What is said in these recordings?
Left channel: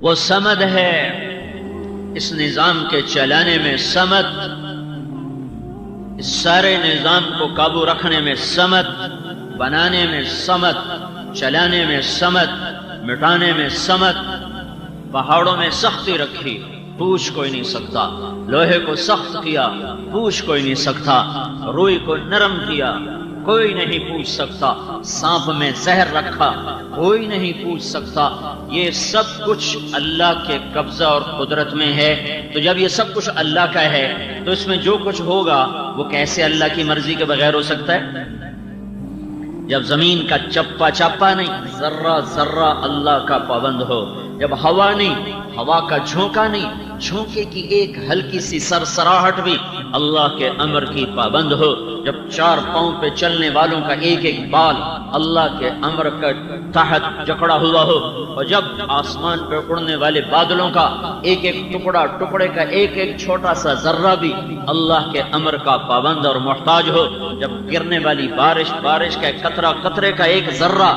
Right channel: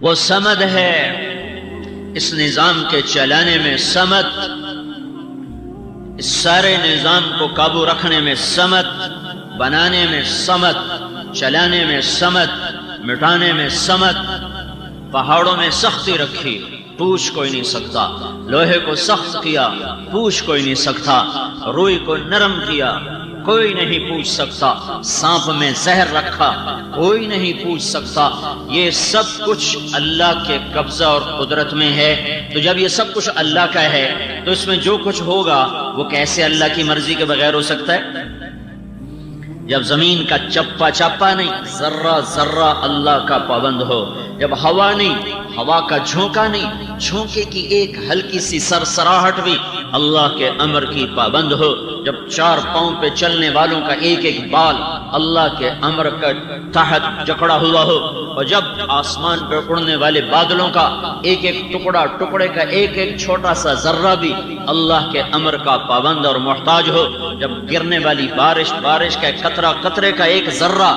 وہ سمد ہے، اس نظام کے چلانے میں سمد، اس سارے نظام کو قابو رکھنے میں سمد، بنانے میں سمد، چلانے میں سمد، مٹانے میں سمد۔ پہاڑوں میں سختی رکھی، پوچھ کوئی نہیں سکتا، لوہے کو سخت کیا، پوچھ کوئی نہیں سکتا، روئی کو نرم کیا، کوئی نہیں پوچھ سکتا، سانپ میں زہر رکھا، کوئی نہیں پوچھ سکتا۔ یہ سب کچھ اللہ کے قبضہ اور قدرت میں ہے۔ تو جب یہ سب کچھ اللہ کا ہے تو اس میں جو کچھ ہوگا وہ کیسے اللہ کی مرضی کے بغیر ہو سکتا ہے؟ جب زمین کا چپا چپا نہیں، ذرہ ذرہ اللہ کا پابند ہو، جب ہوا نہیں، ہوا کا جھونکا نہیں، جھونکے کی ایک ہلکی سی سرسراہٹ بھی اللہ کے امر کی پابند ہو، جب چار پاؤں پہ چلنے والوں کا ایک ایک بال اللہ کے امر کا تحت جکڑا ہوا ہو، اور جب آسمان پہ اڑنے والے بادلوں کا ایک ایک ٹکڑا، ٹکڑے کا ایک ایک چھوٹا سا ذرہ بھی اللہ کے امر کا پابند اور محتاج ہو، جب گرنے والی بارش، بارش کا قطرہ، قطرے کا ایک ذرہ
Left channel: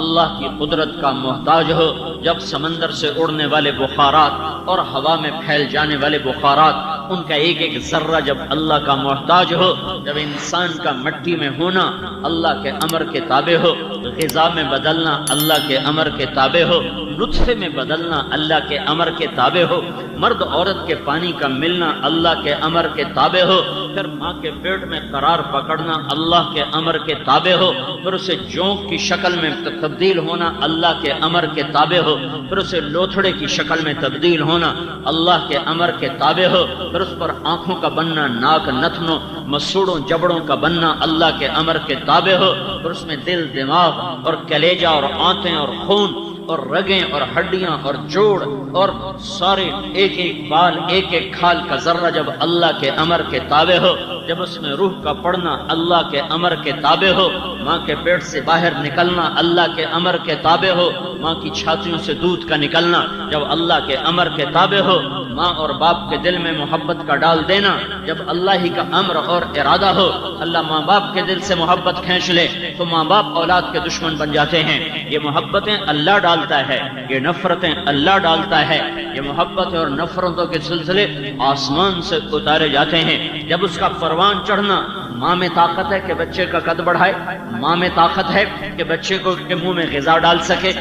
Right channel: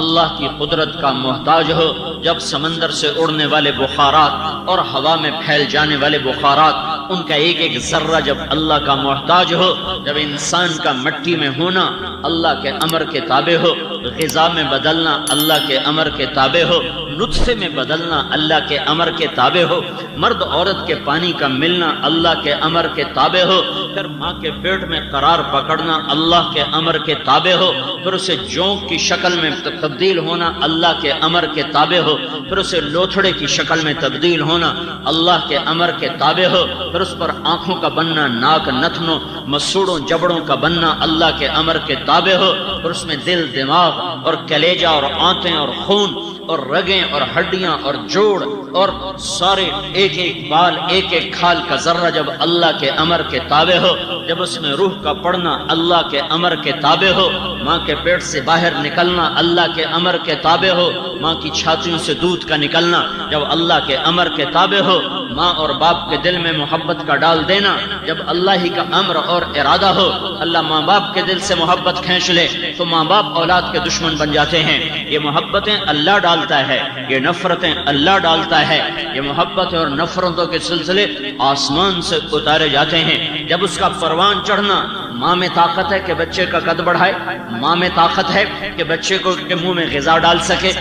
اللہ کی قدرت کا محتاج ہو، جب سمندر سے اڑنے والے بخارات اور ہوا میں پھیل جانے والے بخارات، ان کا ایک ایک ذرہ جب اللہ کا محتاج ہو، جب انسان کا مٹی میں ہونا اللہ کے امر کے تابع ہو، غذا میں بدلنا اللہ کے امر کے تابع ہو، نطفے میں بدلنا اللہ کے امر کے تابع ہو، مرد عورت کے پانی کا ملنا اللہ کے امر کے تابع ہو، پھر ماں کے پیٹ میں قرار پکڑنا اللہ کے امر کے تابع ہو، پھر اسے جونک کی شکل میں تبدیل ہونا اللہ کے امر کے تابع ہو، پھر اسے لوتھڑے کی شکل میں تبدیل ہونا اللہ کے امر کے تابع ہو، پھر اس پر آنکھوں کا بننا، ناک، نتنوں، مسوڑوں، جبڑوں کا بننا اللہ کے امر کے تابع ہو، پھر اس میں دل، دماغ اور کلیجہ اور آنتیں اور خون اور رگیں اور ہڈیاں اور جوڑ اور سارے ایک ایک بال، ایک ایک کھال کا ذرہ جب اللہ کے امر کے تابع ہو، جب اس میں روح کا پڑنا اللہ کے امر کے تابع ہو، ماں کے پیٹ سے باہر نکلنا اللہ کے امر کے تابع ہو، ماں کی چھاتیوں سے دودھ کا نکلنا جب اللہ کے امر کے تابع ہو، ماں اور باپ کے دل میں محبت کا ڈال دینا جب اللہ ہی کا امر اور ارادہ ہو۔ اللہ ماں باپ کے دل سے محبت کھینچ لے تو ماں باپ اولاد کے دشمن بن جاتے ہیں۔ یہ محبتیں اللہ ڈالتا ہے، یہ نفرتیں اللہ ڈالتا ہے، یہ محبت اور نفرتوں کے سلسلے آسمان سے اتارے جاتے ہیں۔ جب اس کا پروان چڑھنا، ماں میں طاقت ہے کہ بچے کا قد بڑھائے، ماں میں طاقت ہے کہ بچے کو کے منہ میں غذا ڈال سکے،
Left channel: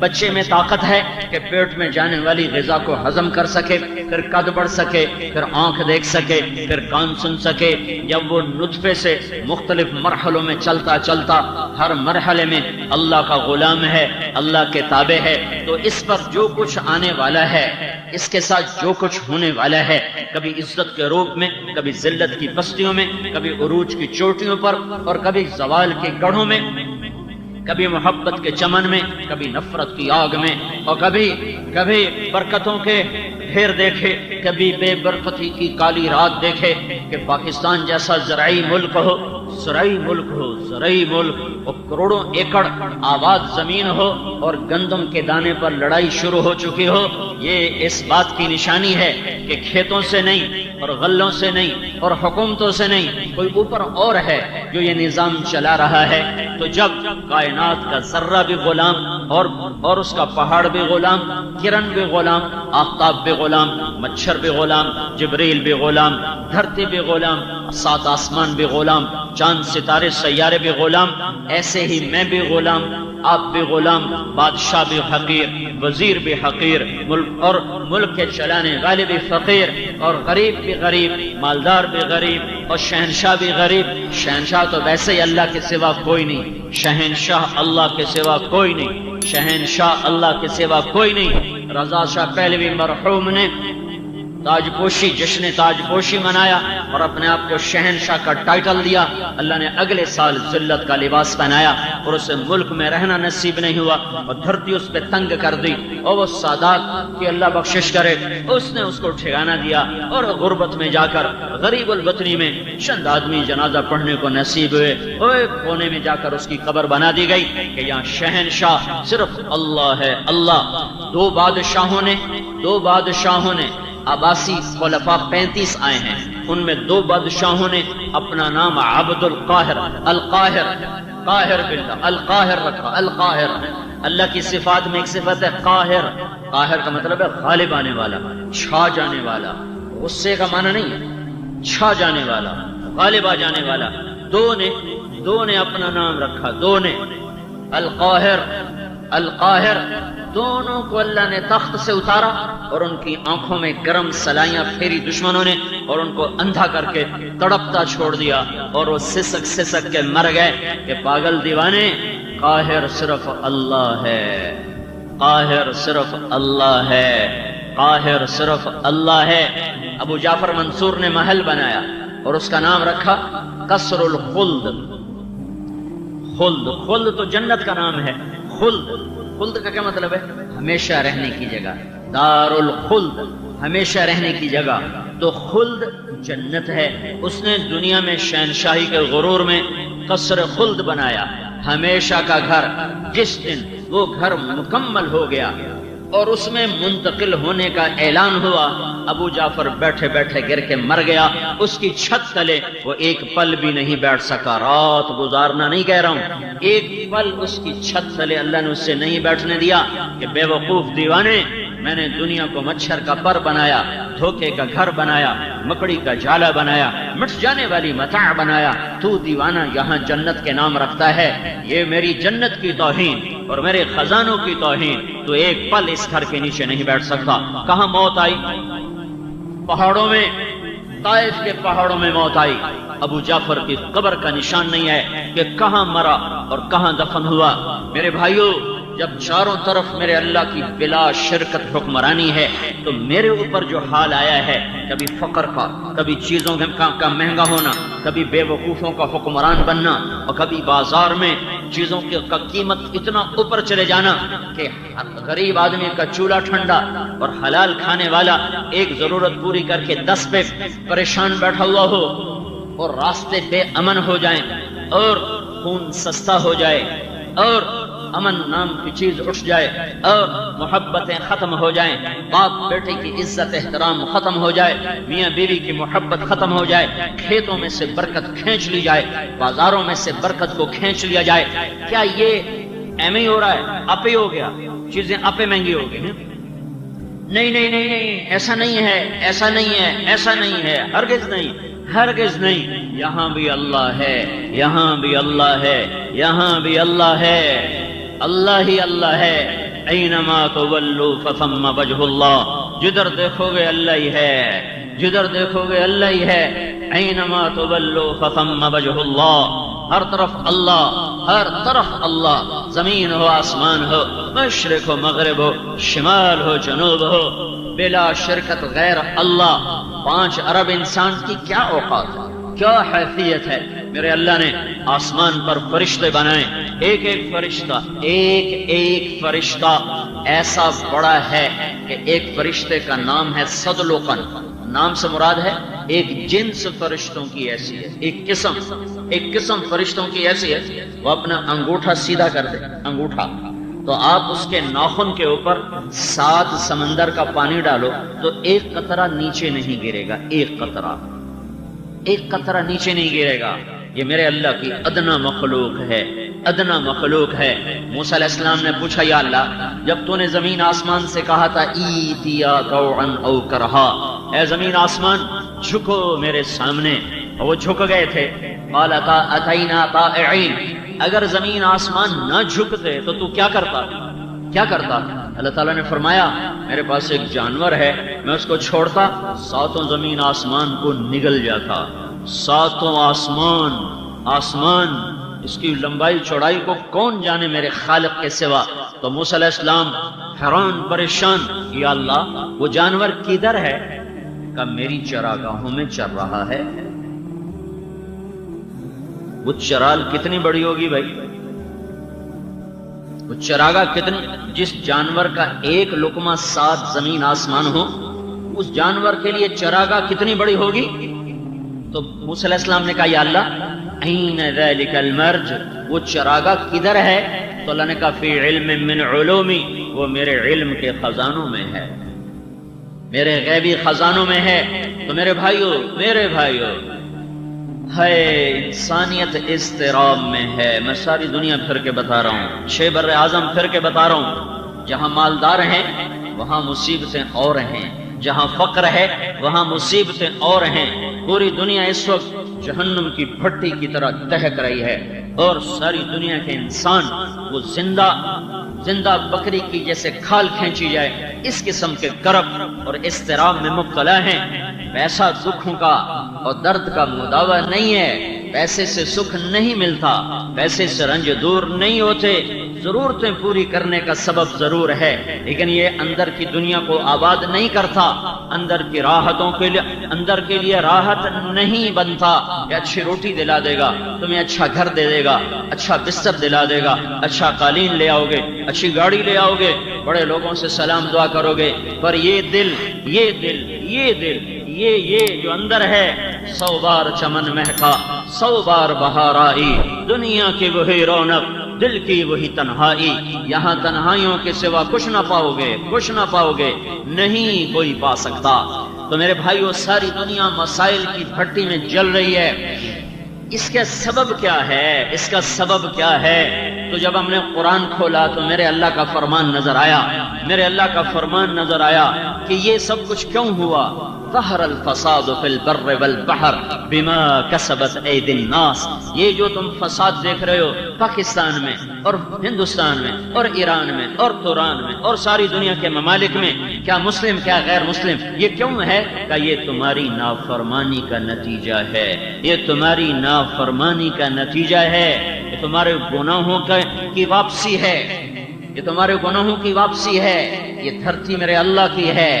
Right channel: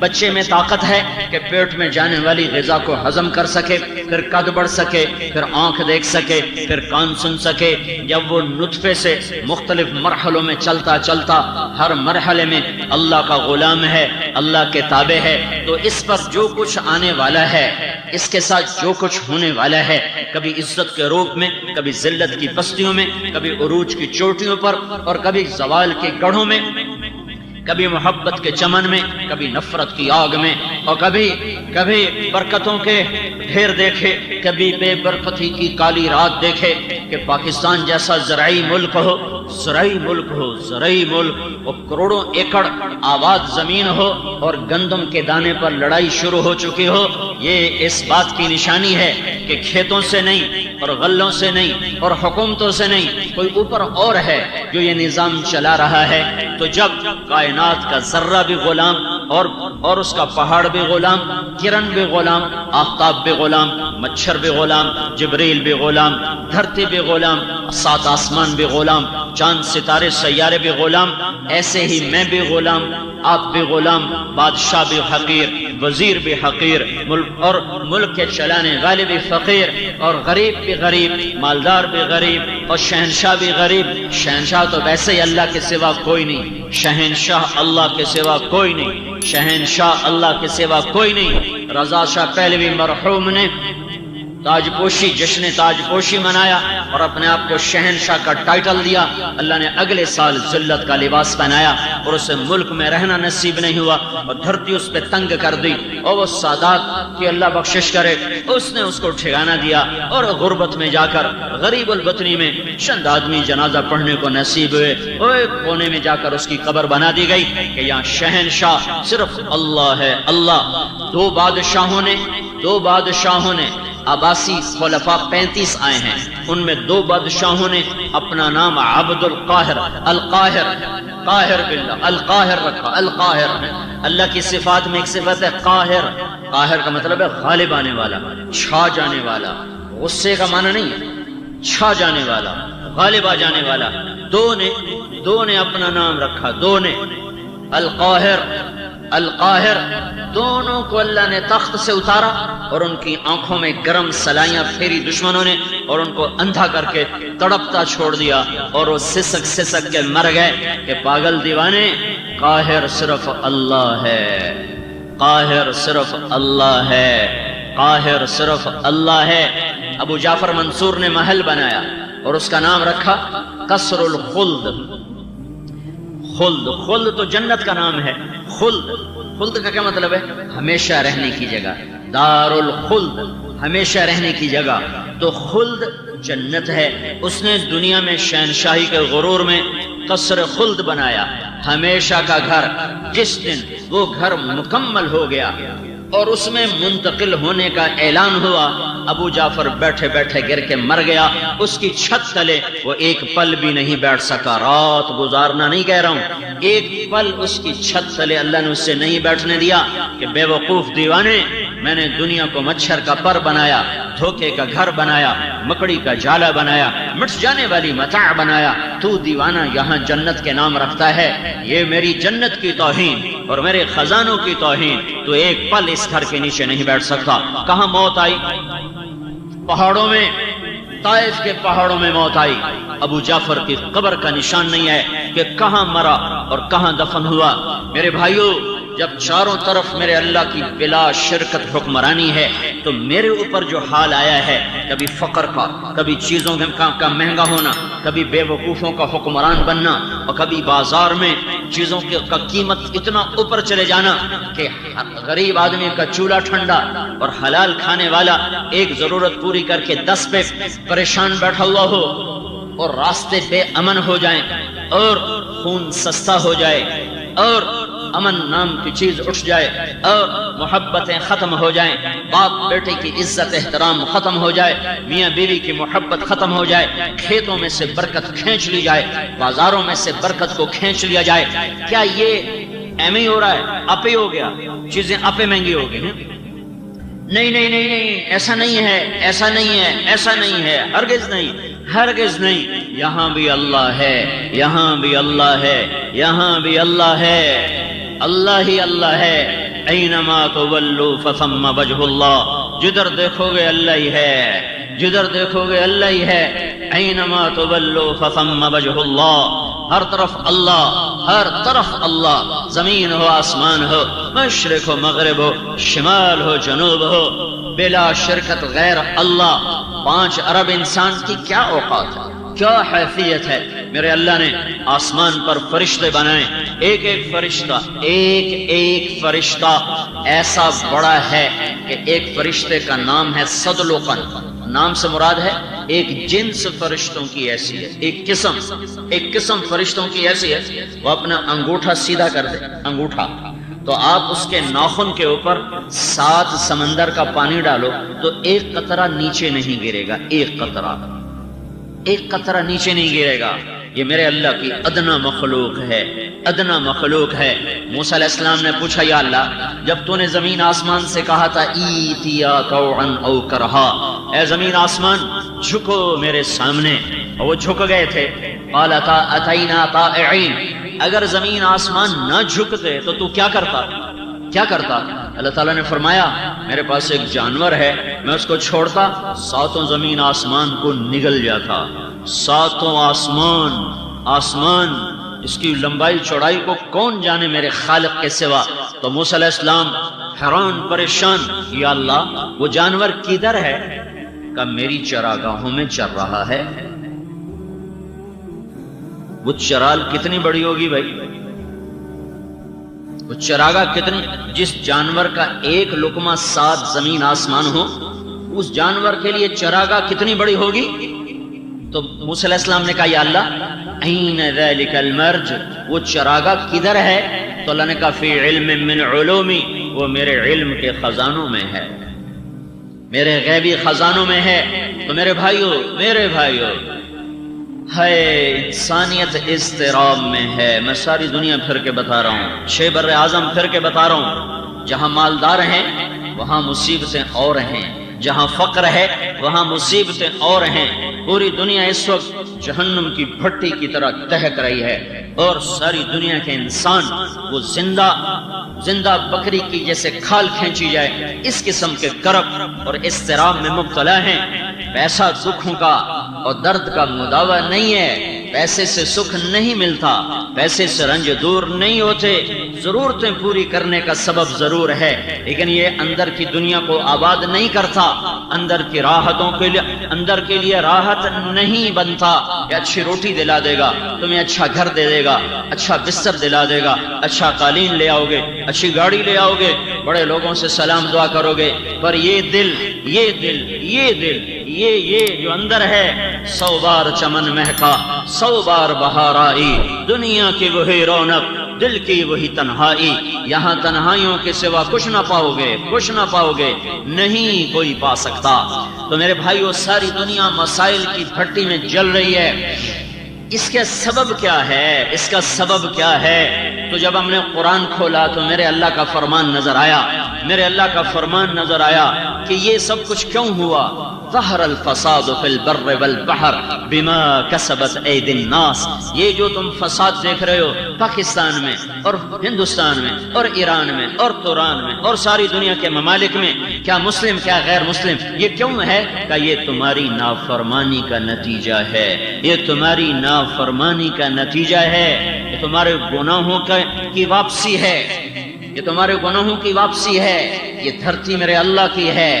بچے میں طاقت ہے کہ پیٹ میں جانے والی غذا کو ہضم کر سکے، پھر قد بڑھ سکے، پھر آنکھ دیکھ سکے، پھر کان سن سکے۔ جب وہ نطفے سے مختلف مرحلوں میں چلتا چلتا ہر مرحلے میں اللہ کا غلام ہے، اللہ کے تابع ہے، تو اس پر جو کچھ آنے والا ہے، اس کے ساتھ جو کچھ ہونے والا ہے، کبھی عزت کے روپ میں، کبھی ذلت کی پستیوں میں، کبھی عروج کی چوٹیوں پر اور کبھی زوال کے گڑھوں میں، کبھی محبت کے چمن میں، کبھی نفرت کی آگ میں، اور کبھی برکتوں کے ڈھیر دیکھے، کبھی بے برکتی کی کالی رات دیکھے کہ پاکستان جیسا زرعی ملک ہو، زرعی ملک اور کروڑوں ایکڑ آباد زمین ہو اور گندم کے دانے پر لڑائی شروع ہو چکی ہو۔ یہ اس بات کی نشانی ہے کہ کھیتوں سے نہیں اور غلوں سے نہیں اور حکومتوں سے نہیں، کوئی اوپر اور ہے جو یہ نظام چلا رہا ہے۔ تو جب کائنات کا ذرہ بھی غلام اور اس کا پہاڑ بھی غلام، کرن بھی غلام، آفتاب بھی غلام، مچھر بھی غلام، جبریل بھی غلام، دھرتی بھی غلام، سات آسمان بھی غلام، چاند ستارے سیارے بھی غلام، ایسے ہی میں بھی غلام، آپ بھی غلام، بادشاہ بھی حقیر، وزیر بھی حقیر، ملک کے چلانے والے بھی فقیر، اور غریب بھی غریب، مالدار بھی غریب، اور شہنشاہ بھی غریب۔ شہنشاہ تو ویسے ہی اللہ کے سوا کوئی نہیں، شہنشاہ اللہ کے سوا کوئی نہیں، شہنشاہ اللہ کے سوا کوئی نہیں۔ رضا شاہ پہلوی مرحوم نے تاج پوشی، جشن تاج پوشی منایا اور اپنے آپ کو شہنشاہ کا ٹائٹل دیا۔ اللہ نے اگلے سال ذلت کا لباس پہنایا اور اسے ملک میں رہنا نصیب نہیں ہوا اور دھرتی اس پہ تنگ کر دی، اور وہ سادات کی اللہ بخشش کرے، اس نے اس کو ٹھکانہ دیا اور غربت میں جا کر غریب البطنی میں چند آدمی جنازہ پڑھنے کو نصیب ہوئے، اور ایک کونے میں جا کر اس کی قبر بنا دی گئی کہ یہاں شہنشاہ صرف اللہ ہے، اللہ۔ دو بادشاہوں نے عباسی خلفاء 35 آئے ہیں، ان میں 2 بادشاہوں نے اپنا نام عبد القاہر، قاہر باللہ، القاہر رکھا، القاہر۔ اللہ کی صفات میں ایک صفت ہے قاہر. قاہر کا مطلب ہے غالب آنے والا، چھا جانے والا. غصے کا معنی نہیں ہے، چھا جانے والا، غالب آ جانے والا. دو نے اپنا نام رکھا، دو نے. القاہر، القاہر، دونوں کو اللہ نے تخت سے اتارا اور ان کی آنکھوں میں گرم سلائیاں پھیری دشمنوں نے اور ان کو اندھا کر کے تڑپتا چھوڑ دیا اور وہ سسک سسک کے مر گئے کہ پاگل دیوانے، قاہر صرف اللہ ہے، قاہر صرف اللہ ہے، قاہر صرف اللہ ہے. ابو جعفر منصور نے محل بنایا اور اس کا نام رکھا قصر الخلد. خلد، خلد تو جنت کا نام ہے. خلد، خلد کا کیا مطلب ہے؟ ہمیشہ رہنے کی جگہ. دار الخلد، ہمیشہ رہنے کی جگہ. تو خلد جنت ہے. اس نے دنیا میں شہنشاہی کے غرور میں قصر خلد بنایا، ہمیشہ کا گھر. جس دن وہ گھر مکمل ہو گیا اور اس میں منتقل ہونے کا اعلان ہوا، ابو جعفر بیٹھے بیٹھے گر کے مر گیا. اس کی چھت تلے وہ ایک پل بھی نہیں بیٹھ سکا. رات گزارنا نہیں کہہ رہا ہوں، ایک پل اس کی چھت تلے اللہ نے اس سے نہیں بیٹھنے دیا کہ بے وقوف دیوانے، میں نے دنیا کو مچھر کا پر بنایا، دھوکے کا گھر بنایا، مکڑی کا جالا بنایا، مٹ جانے والی متاع بنایا. تو دیوانہ یہاں جنت کے نام رکھتا ہے. یہ میری جنت کی توہین اور میرے خزانوں کی توہین. تو ایک پل اس گھر کے نیچے نہیں بیٹھ سکتا. کہاں موت آئی؟ پہاڑوں میں، طائف کے پہاڑوں میں موت آئی. ابو جعفر کی قبر کا نشان نہیں ہے کہ کہاں مرا اور کہاں دفن ہوا. میرے بھائیوں، جب چاروں طرف میرے اللہ کی بلا شرکت حکمرانی ہے تو میرے اوپر جو حال آیا ہے، کبھی فقر کا، کبھی چیزوں کا مہنگا ہونا، کبھی بے وقوفوں کا حکمران بننا، اور کبھی بازار میں چیزوں کا قیمت اتنا اوپر چلے جانا کہ غریب آدمی کا چولہا ٹھنڈا اور حلال کھانے والا ایک ضرورت پوری کر کے 10 پہ پریشان بیٹھا ہوا ہو اور راستے بے امن ہو جائیں اور خون سستا ہو جائے اور امن نام کی چیز اٹھ جائے اور محبتیں ختم ہو جائیں، باپ بیٹے کی عزت احترام ختم ہو جائے، میاں بیوی کی محبت ختم ہو جائے، کھیتوں میں سے برکت کھینچ لی جائے، بازاروں میں سے برکت کو کھینچ لیا جائے. کیا یہ ایم ہی ہو رہا ہے؟ اپے ہو گیا، چیزیں اپے مہنگی ہو گئی. نہیں نہیں نہیں نہیں، ایسا نہیں ہے، ایسا نہیں ہے، ایسا نہیں ہے، ہرگز نہیں، ہرگز نہیں. یہاں بھی اللہ ہے، یہاں بھی اللہ ہے، یہاں بھی اللہ ہے. اللہ ہی اللہ ہے. اینما تولوا فثم وجہ اللہ. جدھر دیکھو گے اللہ ہی ہے، جدھر دیکھو گے اللہ ہی ہے. اینما تولوا فثم وجہ اللہ. ہر طرف اللہ، ہر طرف اللہ. زمین ہو، آسمان ہو، مشرق ہو، مغرب ہو، شمال ہو، جنوب ہو، بلا شرکت غیر اللہ. 5 ارب انسان کی کیا اوقات ہے، کیا حیثیت ہے. میرے اللہ نے آسمان پر فرشتے بنائے. ایک ایک فرشتہ، ایک ایک فرشتہ ایسا بڑا ہے کہ ایک فرشتے کا نام ہے صدلقن. نام سے مراد ہے ایک جنس فرشتوں کی حیثیت، ایک قسم فرشتوں کی حیثیت. وہ اپنا انگوٹھا سیدھا کر دے، انگوٹھا، تو آپ اس کے ناخن کے اوپر 7 سمندر کا پانی ڈالو تو ایک قطرہ نیچے نہیں گرے گا. ایک قطرہ نیچے نہیں گرے گا. یہ میرے اللہ کی ادنا مخلوق ہے، ادنا مخلوق ہے. موسیٰ علیہ السلام نے پوچھا، یا اللہ، جب تو نے زمین آسمان سے کہا تھا ایتیا طوعا او کرہا، اے زمین آسمان جھکو میرے سامنے، اور وہ جھک گئے تھے. قال اتینا طائعین. اگر زمین آسمان نہ جھکتے تو کیا کرتا؟ اللہ تعالیٰ نے فرمایا، میرے پاس ایک جانور ہے، میں اس کو چھوڑتا 7 زمین آسمان کو نگل جاتا. 7 آسمان اس کی لمبائی چوڑائی کو کون جانے میرے خالق کے سوا. تو موسیٰ علیہ السلام حیران پریشان، یا اللہ وہ جانور کدھر ہے؟ کہ میری چراگاہوں میں چر رہا ہے. وہ چرال کتنی بڑی ہوگی بھائی، وہ چراگاہ کتنی، جس جانور کا ایک لقمہ 7 زمین آسمان ہو، اس جانور کے لیے چراگاہ کتنی بڑی ہوگی. تو موسیٰ علیہ السلام نے کہا، یا اللہ این ذلک المرج، وہ چراگاہ کدھر ہے؟ تو اللہ نے کہا، فی علم من علومی، وہ میرے علم کے خزانوں میں ہے، میرے غیبی خزانوں میں ہے. تو میرے بھائیو ہے انسانیت اضطراب میں ہے. میں ساری دنیا پھر کے بتا رہا ہوں، شیخ بر اعظم پھر کے بتا رہا ہوں. جہاں مالدار ہیں وہاں مصیبتیں اور ہیں، جہاں فقر ہے وہاں مصیبتیں اور ہیں. پوری دنیا اس وقت جہنم کی بھٹی کی طرح دہک رہی ہے، اور ساری دنیا کے انسان وہ زندہ بکری کی جیسے کھال کھینچی جائے اس قسم کے کرب اور اضطراب میں مبتلا ہیں. پیسہ دکھوں کا اور درد کا مداوع نہیں ہے. پیسے سے سکھ نہیں ملتا، پیسے سے رنج دور نہیں ہوتے. ضرورتیں پوری کرنے کا سبب ضرور ہے، لیکن یہ اندر کی دنیا کو آباد نہیں کرتا. اندر کی راحتوں کے لیے اندر کے لیے راحت نہیں بنتا. یہ اچھی روٹی دلا دے گا، تمہیں اچھا گھر دے دے گا، اچھا بستر دلا دے گا، اچھا قالین لے آؤ گے، اچھی گاڑی لے آؤ گے، بڑے لوگوں سے سلام دعا کرو گے، پر یہ دل یہ جو اندر ہے 100 بار چمن مہکا 100 بار بہار آئی. دنیا کی وہی رونق، دل کی وہی تنہائی. یہاں تنہائیوں کے سوا کچھ نہ پاؤ گے، نہیں کوئی پا سکتا. تو میرے بھائیو، ساری دنیا مسائل کی بھٹی میں جل رہی ہے. اس کا سبب کیا ہے؟ اس کا سبب کیا ہے؟ تو جب ہم نے قرآن کھولا تو میرے اللہ کا فرمان نظر آیا کہ یہ سب کچھ کیوں ہوا. ظہر الفساد فی البر والبحر بما کسبت ایدی الناس. یہ جو تم فساد دیکھ رہے ہو پاکستان میں اور ہندوستان میں اور ایران میں اور توران میں اور ساری دنیا کے ممالک میں، کیا مسلم کیا غیر مسلم، یہ کیوں ہے؟ کہ یہ تمہاری نافرمانی کا نتیجہ ہے. یہ تمہاری نافرمانی کا نتیجہ ہے. یہ تمہارے گناہوں کی واپسی ہے. یہ تمہارے گناہوں کی واپسی ہے. یہ دھرتی میرے اللہ کی ہے،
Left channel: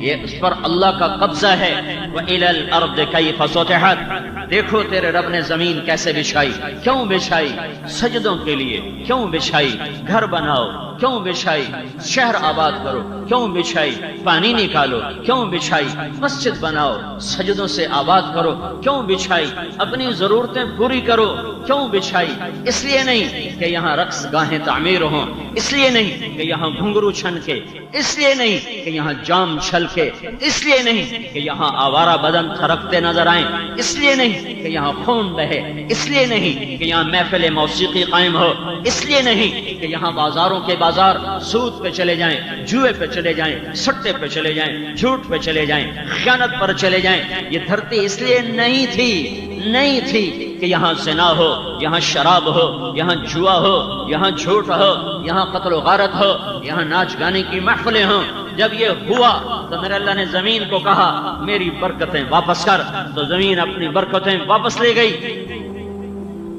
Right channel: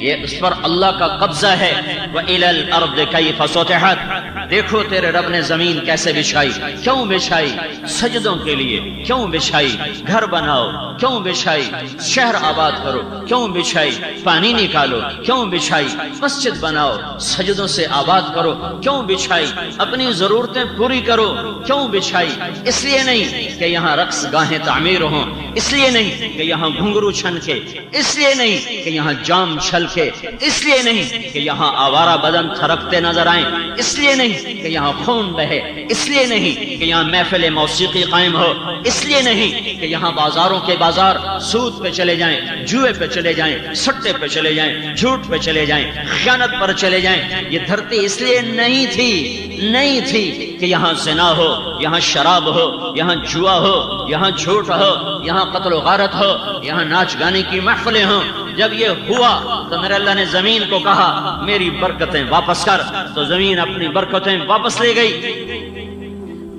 یہ اس پر اللہ کا قبضہ ہے. وَإِلَى الْأَرْضِ كَيْفَ سُطِحَتْ. دیکھو تیرے رب نے زمین کیسے بچھائی. کیوں بچھائی؟ سجدوں کے لیے. کیوں بچھائی؟ گھر بناؤ. کیوں بچھائی؟ شہر آباد کرو. کیوں بچھائی؟ پانی نکالو. کیوں بچھائی؟ مسجد بناؤ. سجدوں سے آباد کرو. کیوں بچھائی؟ اپنی ضرورتیں پوری کرو. کیوں بچھائی؟ اس لیے نہیں کہ یہاں رقص گاہیں تعمیر ہوں، اس لیے نہیں کہ یہاں گھنگرو چھنکے، اس لیے نہیں کہ یہاں جام چھلکے، اس لیے نہیں کہ یہاں آوارہ بدن تھرکتے نظر آئیں، اس لیے نہیں کہ یہاں خون بہے، اس لیے نہیں کہ یہاں محفل موسیقی قائم ہو، اس لیے نہیں کہ یہاں بازاروں کے بازار سود پہ چلے جائیں، جوئے پہ چلے جائیں، سٹے پہ چلے جائیں، جھوٹ پہ چلے جائیں، خیانت پر چلے جائیں. یہ دھرتی اس لیے نہیں تھی کہ یہاں زنا ہو، یہاں شراب ہو، یہاں جوا ہو، یہاں جھوٹ ہو، یہاں قتل و غارت ہو، یہاں ناچ گانے کی محفلیں ہوں. جب یہ ہوا تو میرے اللہ نے زمین کو کہا میری برکتیں واپس کر، تو زمین اپنی برکتیں واپس لے گئی.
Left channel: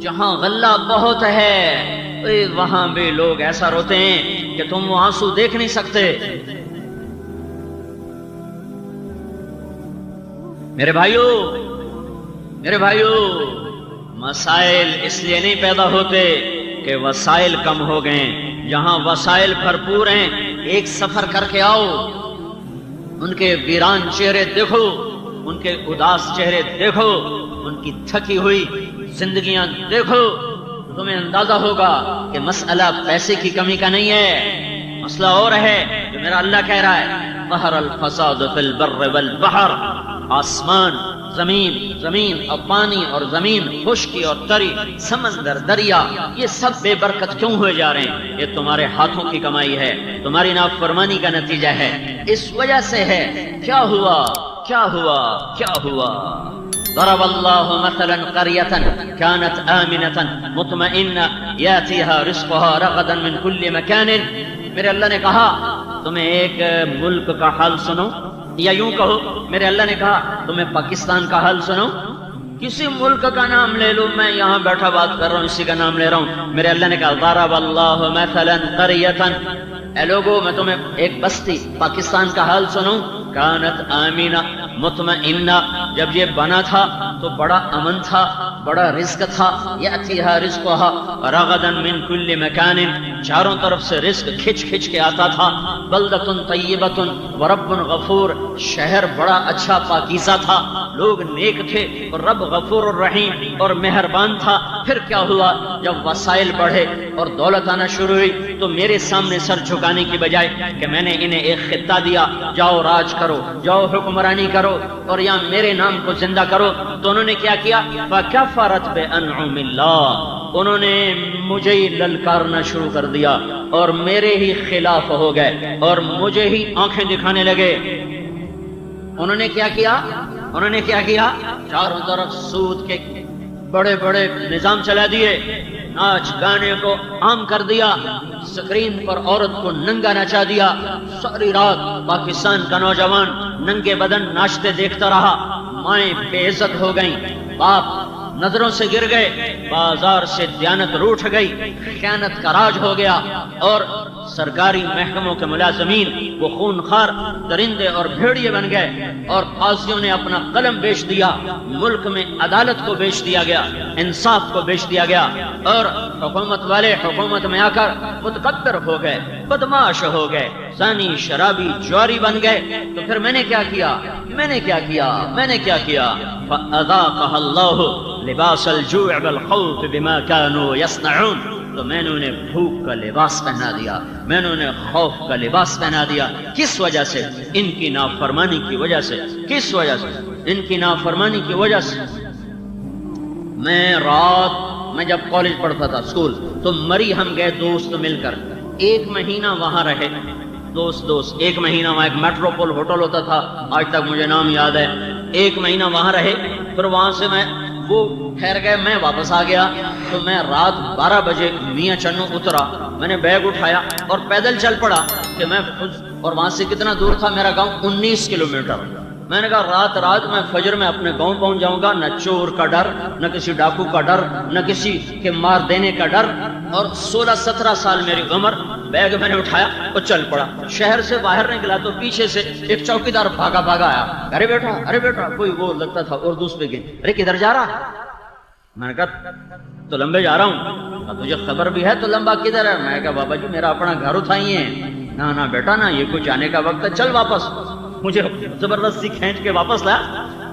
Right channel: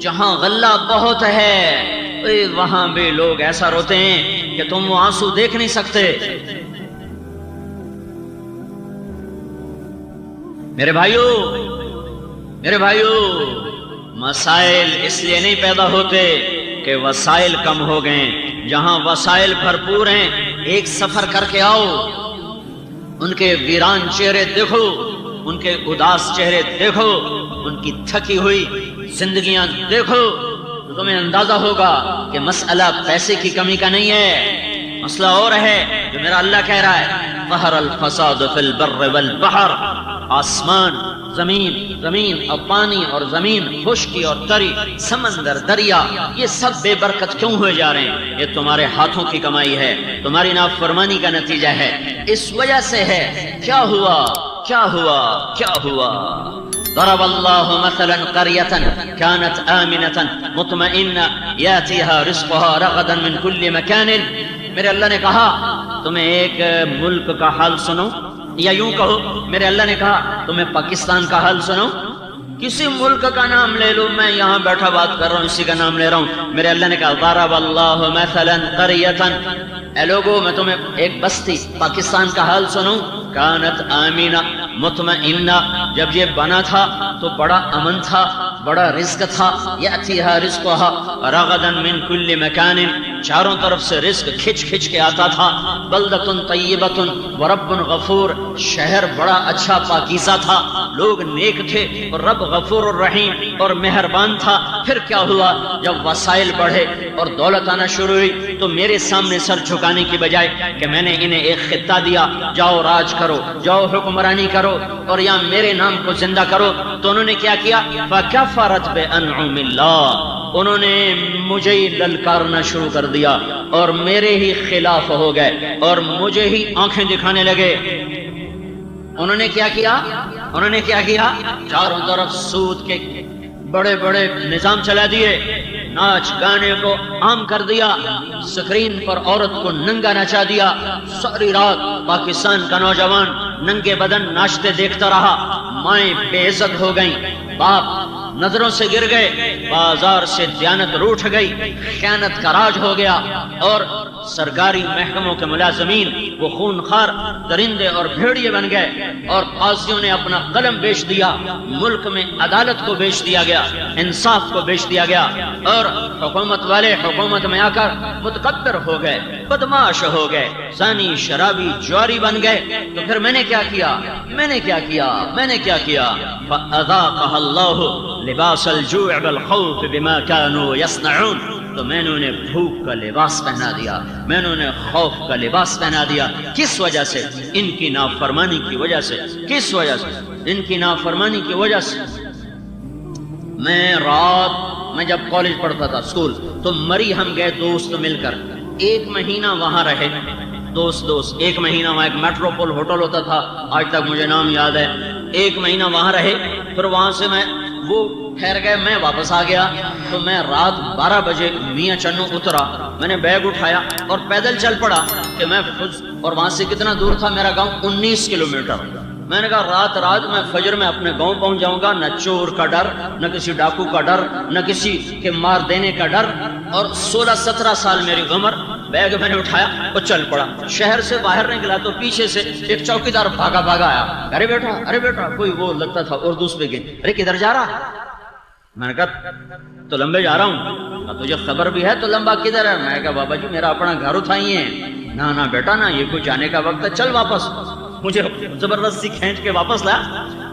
جہاں غلہ بہت ہے وہاں بھی لوگ ایسا روتے ہیں کہ تم وہ آنسو دیکھ نہیں سکتے. میرے بھائیو، مسائل اس لیے نہیں پیدا ہوتے کہ وسائل کم ہو گئے. جہاں وسائل بھرپور ہیں ایک سفر کر کے آؤ، ان کے ویران چہرے دیکھو، ان کے اداس چہرے دیکھو، ان کی تھکی ہوئی زندگیاں دیکھو، تو تمہیں اندازہ ہوگا کہ مسئلہ پیسے کی کمی کا نہیں ہے، مسئلہ اور ہے جو میرا اللہ کہہ رہا ہے. ظہر الفساد فی البر والبحر. آسمان، زمین اور پانی اور زمین، خشکی اور تری، سمندر، دریا، یہ سب بے برکت کیوں ہوئے جا رہے ہیں؟ یہ تمہارے ہاتھوں کی کمائی ہے، تمہاری نافرمانی کا نتیجہ ہے. اس وجہ سے ہے. کیا ہوا؟ ضرب اللہ مثلا قریة كانت آمنة مطمئنة يأتيها رزقها رغدا من كل مكان. میرے اللہ نے کہا تمہیں ایک ملک کا حال سنو، یا یوں کہو میرے اللہ نے کہا تمہیں پاکستان کا حال سنو. کسی ملک کا نام لے لو، میں یہاں بیٹھا بات کر رہا ہوں اسی کا نام لے رہا ہوں. میرے اللہ نے کہا ضرب اللہ مثلا قریة. اے لوگو میں تمہیں ایک بستی پاکستان کا حال سنوں. کانت آمینہ مطمئنہ. جب یہ بنا تھا تو بڑا امن تھا، بڑا رزق تھا. یأتیہا رزقہا رغدا من کل مکان. چاروں طرف سے رزق کھچ کھچ کے آتا تھا. بلدۃ طیبۃ ورب غفور، شہر بڑا اچھا پاکیزہ تھا، لوگ نیک تھے اور رب غفور الرحیم اور مہربان تھا. پھر کیا ہوا؟ جب وسائل بڑھے اور دولت آنا شروع ہوئی تو میرے سامنے سر جھکانے کی بجائے کہ میں نے انہیں ایک خطہ دیا، جاؤ راج کرو، جاؤ حکمرانی کرو اور یہاں میرے نام کو زندہ کرو، تو انہوں نے کیا کیا؟ فَكَفَرَتْ بِأَنْعُمِ اللَّهِ، انہوں نے مجھے ہی للکارنا شروع کر دیا اور میرے ہی خلاف ہو گئے اور مجھے ہی آنکھیں دکھانے لگے. انہوں نے کیا کیا؟ انہوں نے کیا کیا؟ چاروں طرف سود کے بڑے بڑے نظام چلا دیے، ناچ گانے کو عام کر دیا، سکرین پر عورت کو ننگا نچا دیا. ساری رات پاکستان کا نوجوان ننگے بدن ناچتے دیکھتا رہا. مائیں بے عزت ہو گئیں، باپ نظروں سے گر گئے، بازار سے دیانت روٹھ گئی، خیانت کا راج ہو گیا اور سرکاری محکموں کے ملازمین وہ خونخوار درندے اور بھیڑیے بن گئے اور قاضیوں نے اپنا قلم بیچ دیا. ملک میں عدالت کو بیچ دیا گیا، انصاف کو بیچ دیا گیا اور حکومت والے حکومت میں آ کر متکبر ہو گئے، بدماش ہو گئے، زانی شرابی جواری بن گئے. تو پھر میں نے کیا کیا؟ میں نے کیا کیا؟ میں نے کیا کیا؟ فَأَذَاقَهَا اللَّهُ لِبَاسَ الْجُوعِ وَالْخَوْفِ بِمَا كَانُوا يَصْنَعُونَ، تو میں نے انہیں بھوک کا لباس پہنا دیا، میں نے انہیں خوف کا لباس پہنا دیا. کس وجہ سے؟ ان کی نافرمانی کی وجہ سے. کس وجہ سے؟ ان کی نافرمانی کی وجہ سے. میں جب کالج پڑھتا تھا اسکول تو مری ہم گئے دوست مل کر، 1 مہینہ وہاں رہے، دوست 1 مہینہ وہاں. ایک میٹروپول ہوٹل ہوتا تھا، آج تک مجھے نام یاد ہے. 1 مہینہ وہاں رہے، پھر وہاں سے وہ ٹھہر گئے، میں واپس آ گیا. تو میں رات 12 بجے میاں چنو اترا، میں نے بیگ اٹھایا اور پیدل چل پڑا کہ میں اور وہاں سے کتنا دور تھا میرا گاؤں؟ 19 کلومیٹر. میں نے کہا رات میں فجر میں اپنے گاؤں پہنچ جاؤں گا، نہ چور کا ڈر، نہ کسی ڈاکو کا ڈر، نہ کسی کے مار دینے کا ڈر. اور 16-17 سال میری عمر. بیگ میں نے اٹھایا اور چل پڑا. شہر سے باہر نکلا تو پیچھے سے ایک چوکیدار بھاگا آیا. ارے بیٹا کوئی وہ لگتا تھا اردو پہ گئی. ارے کدھر جا رہا؟ میں نے کہا تو لمبے جا رہا ہوں. تجھے خبر بھی ہے تو لمبا کدھر ہے؟ میں نے کہا بابا جی میرا اپنا گھر اٹھائی ہے. نہ بیٹا نہ، یہ کوئی جانے کا وقت ہے، چل واپس. مجھے زبردستی کھینچ کے واپس لا.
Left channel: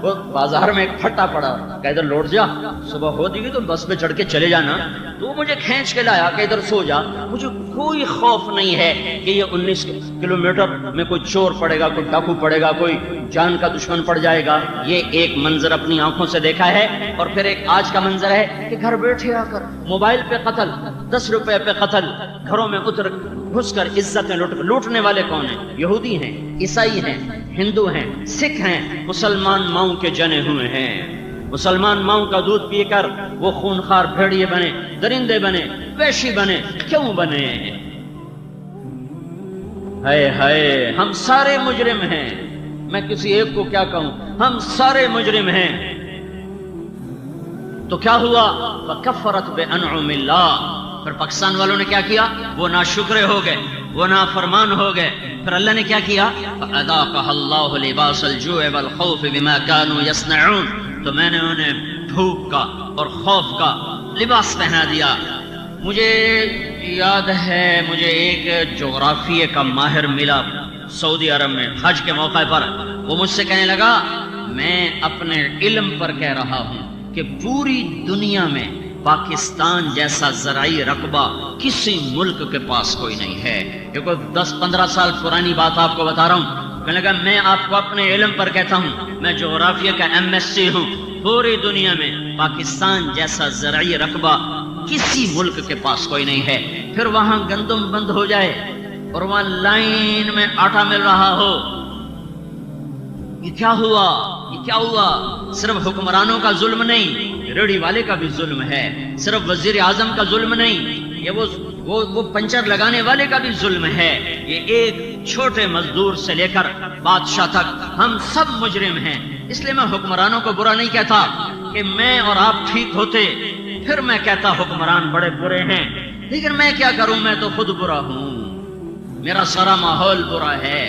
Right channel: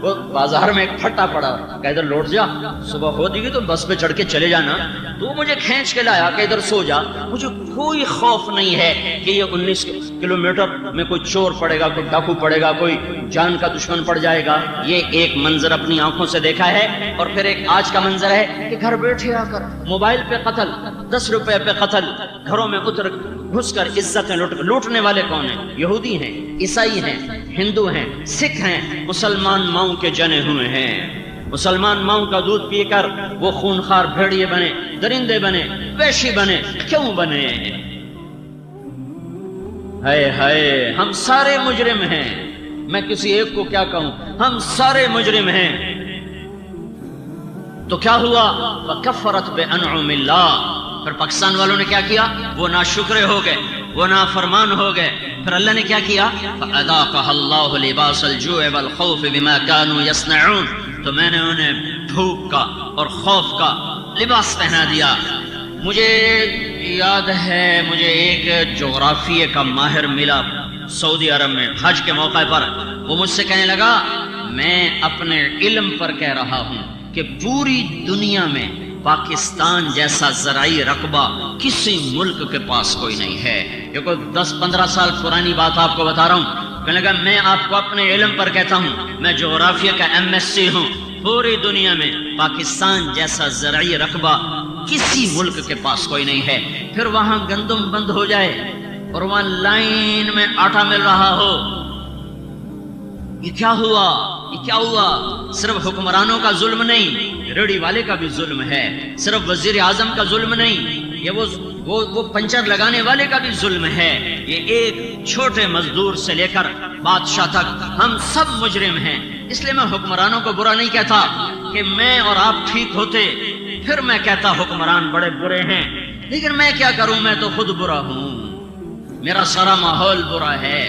وہ بازار میں ایک پھٹا پڑا، کہ ادھر لوٹ جا، صبح ہو جائے گی تو بس پہ چڑھ کے چلے جانا. تو مجھے کھینچ کے لایا کہ ادھر سو جا. مجھے کوئی خوف نہیں ہے کہ یہ 19 کلومیٹر میں کوئی چور پڑے گا، کوئی ڈاکو پڑے گا، کوئی جان کا دشمن پڑ جائے گا. یہ ایک منظر اپنی آنکھوں سے دیکھا ہے. اور پھر ایک آج کا منظر ہے کہ گھر بیٹھے آ کر موبائل پہ قتل، 10 روپے پہ قتل، گھروں میں گھس کر عزتیں لوٹنے والے کون ہیں؟ یہودی ہیں، عیسائی ہیں، ہندو ہیں، سکھ ہیں. مسلمان ماؤں کے جنے ہوئے ہیں. مسلمان ماؤں کا دودھ پی کر وہ خونخوار بھیڑیے بنے، درندے بنے، وحشی بنے. کیوں بنے؟ ہائے ہم سارے مجرم ہیں. میں کسی ایک کو کیا کہوں، ہم سارے مجرم ہیں. تو کیا ہوا؟ فَكَفَّرَتْ بِأَنْعُمِ اللَّهِ. پھر پاکستان والوں نے کیا کیا؟ وہ ناشکرے ہو گئے، وہ نافرمان ہو گئے. پھر اللہ نے کیا کیا؟ فَأَذَاقَهَا اللَّهُ لِبَاسَ الْجُوعِ وَالْخَوْفِ بِمَا كَانُوا يَصْنَعُونَ. تو میں نے انہیں بھوک کا اور خوف کا لباس پہنا دیا. مجھے یاد ہے مجھے ایک جغرافیے کا ماہر ملا سعودی عرب میں حج کے موقع پر. وہ مجھ سے کہنے لگا میں اپنے علم پر کہہ رہا ہوں کہ پوری دنیا میں پاکستان جیسا زرعی رقبہ کسی ملک کے پاس کوئی نہیں ہے. یہ کوئی 10-15 سال پرانی بات آپ کو بتا رہا ہوں. کہنے لگا میں آپ کو اپنے علم پر کہتا ہوں، میں جغرافیہ کا MSc ہوں. پوری دنیا میں پاکستان جیسا زرعی رقبہ کسی ملک کے پاس کوئی نہیں ہے. پھر وہاں گندم بند ہو جائے اور وہاں لائن میں آٹا مل رہا ہو. یہ کیا ہوا؟ یہ کیا ہوا؟ صرف حکمرانوں کا ظلم نہیں، ریڑھی والے کا بھی ظلم ہے. صرف وزیر اعظم کا ظلم نہیں، یہ وہ پنچر لگانے والے کا بھی ظلم ہے. یہ ایک چھوٹے مزدور سے لے کر بادشاہ تک ہم سب مجرم ہیں. اس لیے میں حکمرانوں کو برا نہیں کہتا کہ میں اور آپ ٹھیک ہوتے پھر میں کہتا حکمران بڑے برے ہیں. لیکن میں کیا کروں، میں تو خود برا ہوں، میرا سارا ماحول برا ہے.